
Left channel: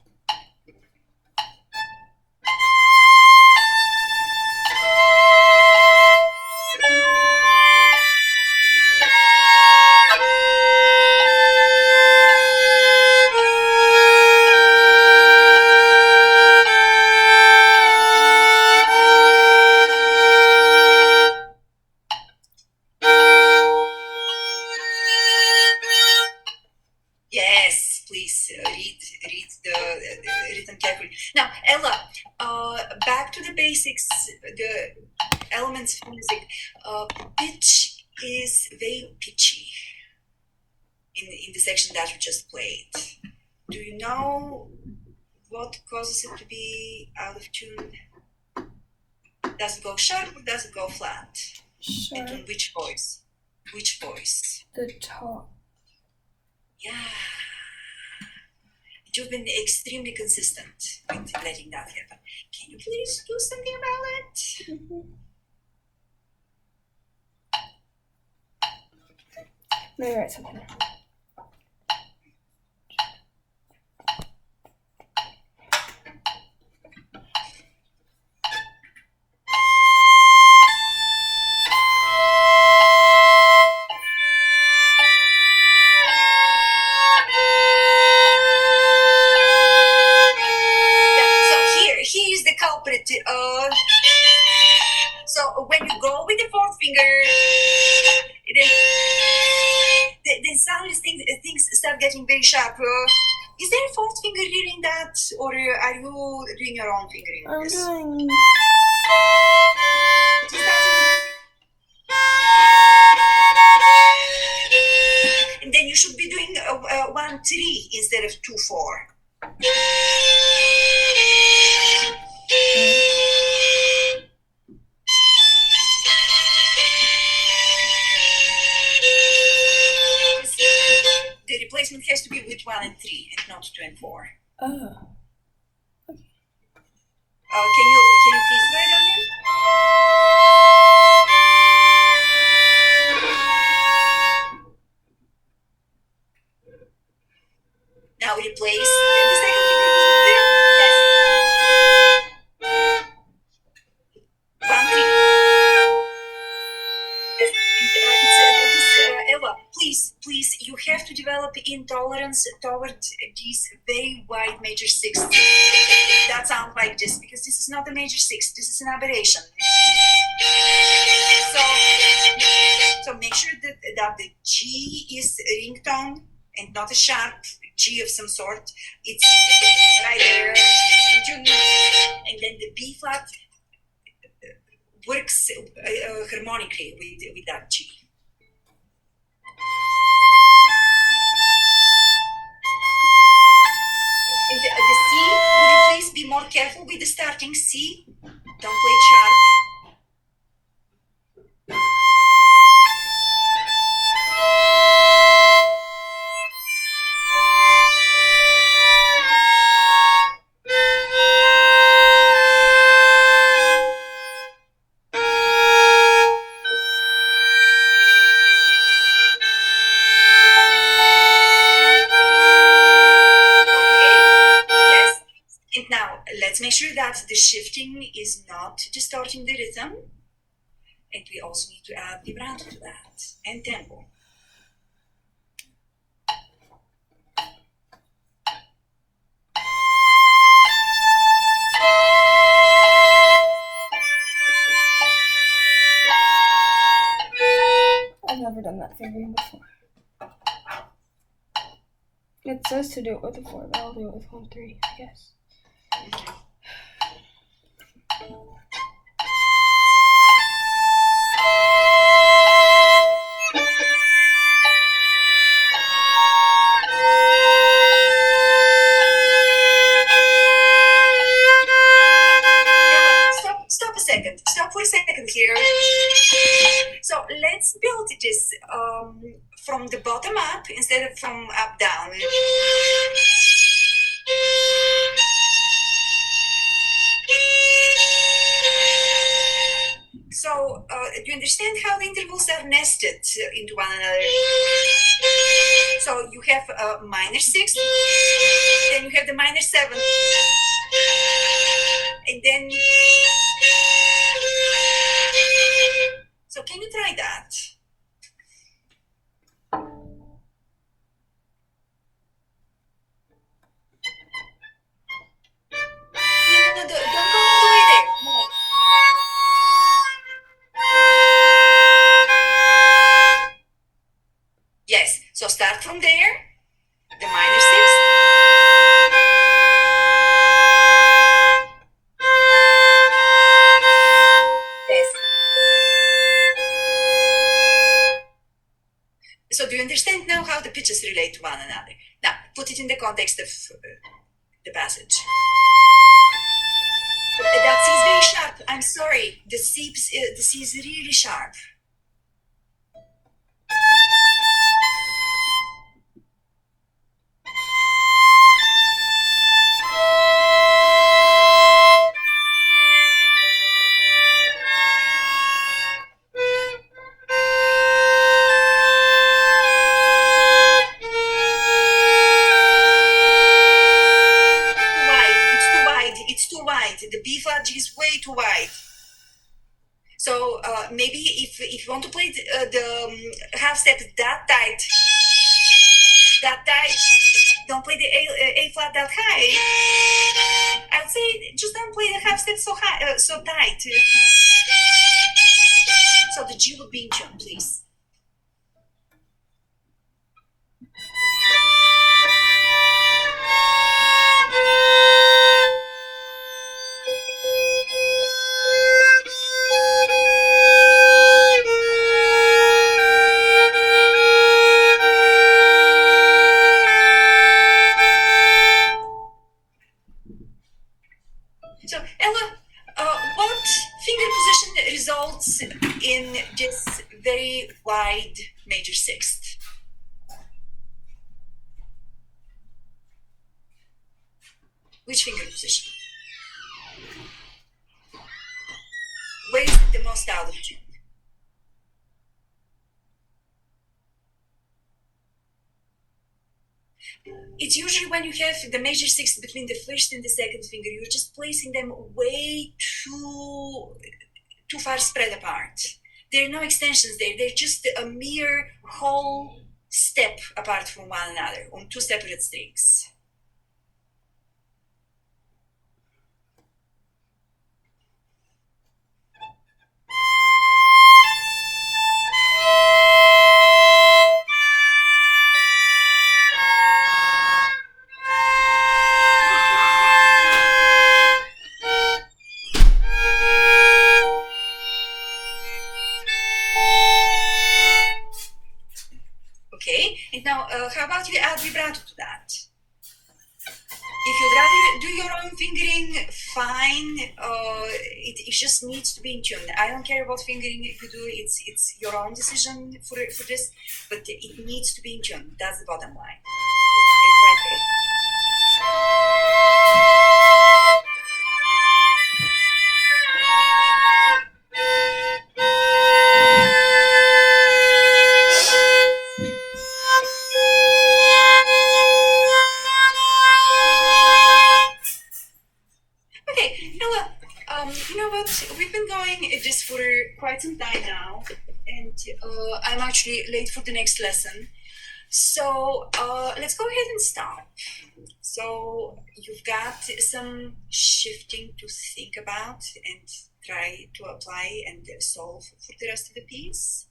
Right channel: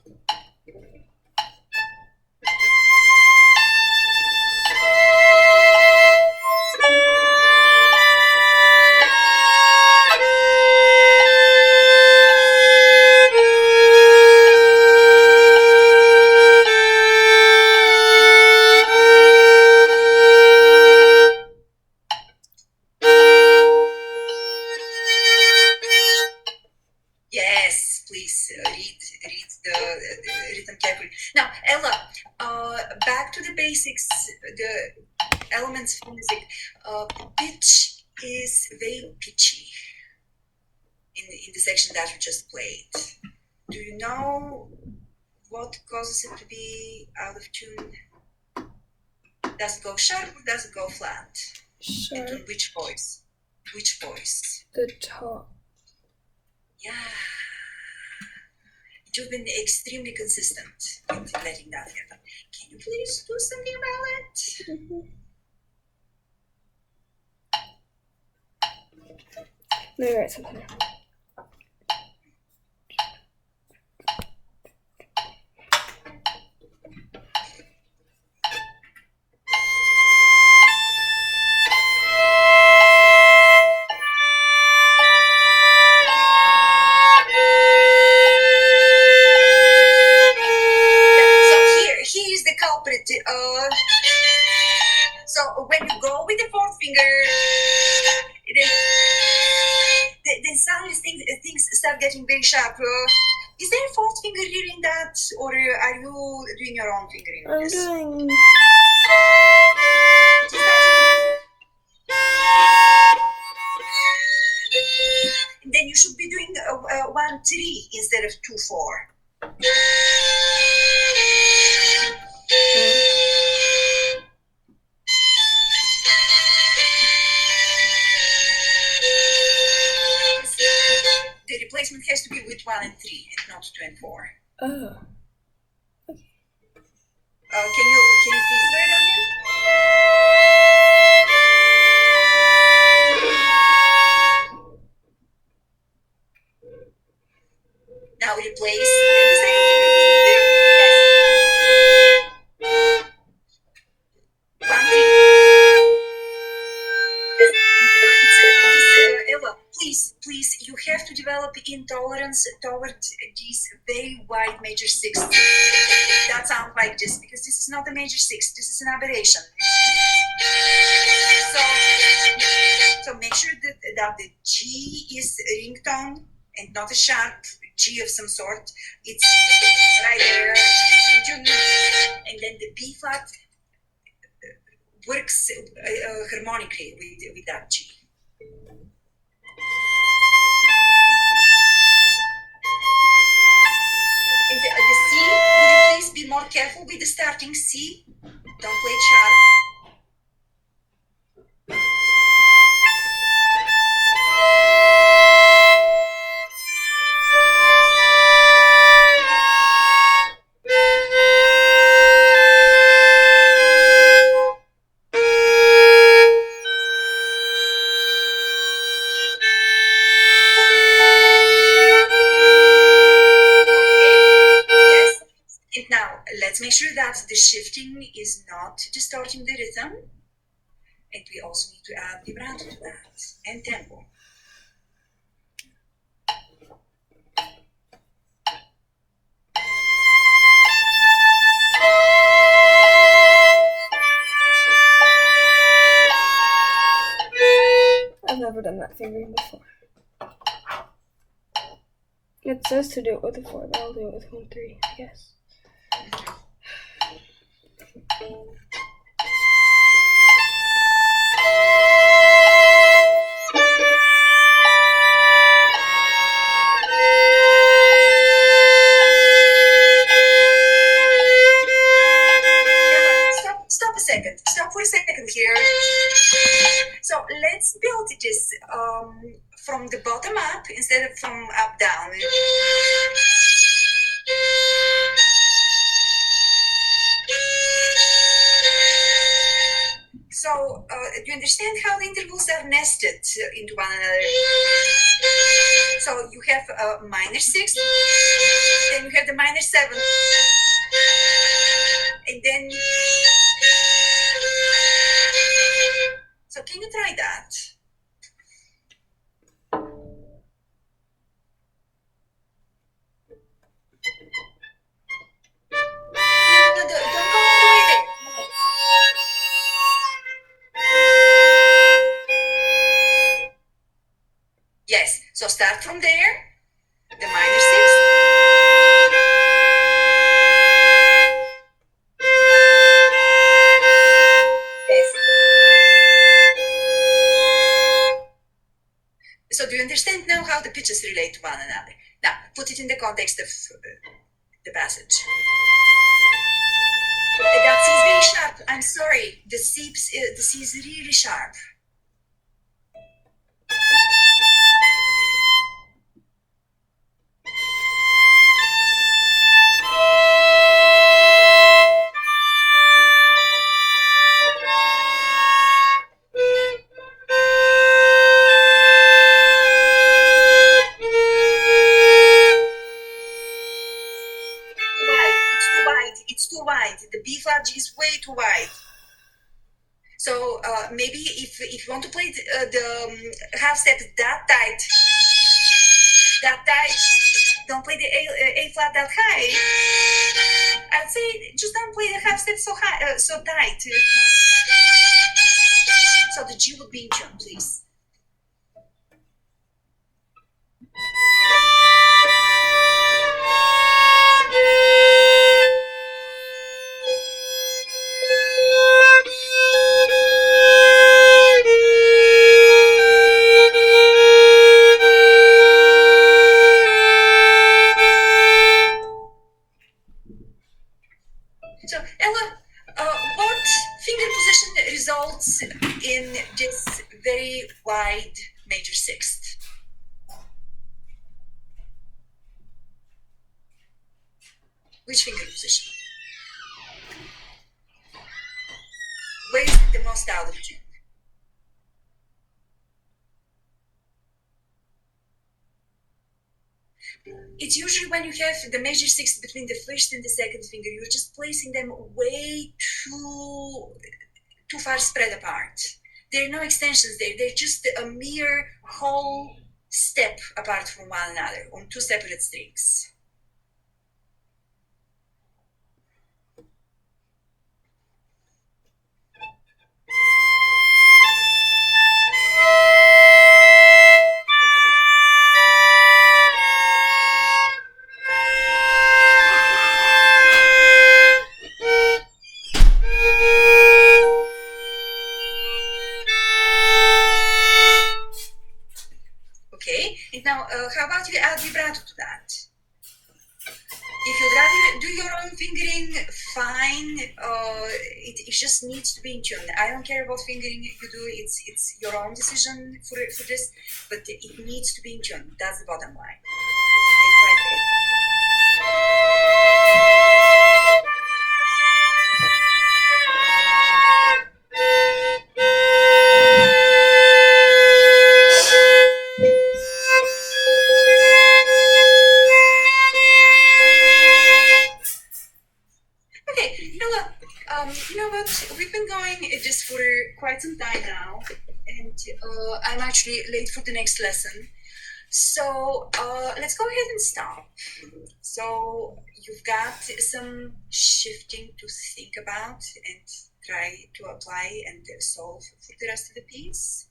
Yes, please read the rhythm carefully. Now, Ella, back to the basics, the elements of music. Pitch is very pitchy in the section that you just played. Do you know what causes it to be out of tune? Does it go sharp or does it go flat? Sharp. And on which voice? Which voice? The top. Yeah. You've been extremely consistent with letting that happen. Can you please do something about it? Mm-hmm. Let me write something down. Here's the culprit. So when you go with the fourth finger, then suddenly things start getting very sharp. Is there a fourth finger here in that, or are you doing your own fingering? I'm doing. And then you should be doing 1-3 instead of 2-4. The replacement has to be with 1 and 3 and not 2 and 4. Oh. Can you please write on it? Now replace the second finger with the third. Yes. 1, 3. Ella, please, you have to develop intolerance toward these very wide major 6. That sounds like this, because this is not a major 6. This is an aberration. So make sure that the G is a ringtone and not a sharp G of some sort. It's right there, and then the B flat works harmonically with that G. And the C, would you please be more careful with the starting C? Don't play it sharp. Let's make sure that the shifting is not distorting the rhythm, and we also need to add vibrato to that and tempo. I've never done that fingering before. It says to do it with a 4, but I'll do it with 1-3, I guess. second. Stop for a second here. So let's build this from the bottom up instead of from up down. So do you understand how the intervals are nested into one another? So you have a minor 6, then you have the minor 7, and then... So can you try that? No, don't go all the way there. No. Yes, so start from there, the minor 6. Yes. So do you understand now how the pitches relate to one another? Now, put it in the context of the passage. That C is very sharp. I'm sorry. The C is really sharp. The B flat G is way too wide. So maybe if you want to play the half step that tight, don't play the A flat that high. I'd say just don't play the half step so high, so tight. So the G would be in tune, please. So, Ella, what finger position results in this very wide major sixth? Which finger position? Where is it the most out of tune? It's usually when you have the major sixth between the first and the second finger, you're just placing them way too far spread apart. There are no extensions there. They're just a mere whole step apart from one another on two separate strings. Okay, and now how about you add vibrato to that? If you'd rather do your own fingering, fine. It just needs to be in tune. I don't care what fingering you do. It's your own decision for this, but it needs to be in tune. That's the bottom line. It's right there. You know what? We've been going this for quite some time now, and I'm actually late for the next lesson. So let's go ahead and stop. So you've got some shifting to think about and try to apply and solve for the rest of the piece.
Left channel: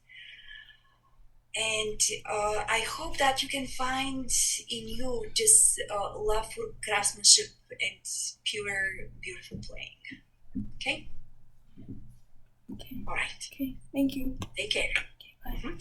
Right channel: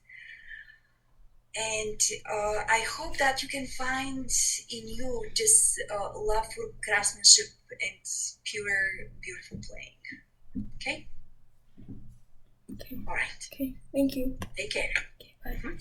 And I hope that you can find in you this love for craftsmanship and pure, beautiful playing. Okay? Okay. All right. Okay. Thank you. Take care. Okay, bye.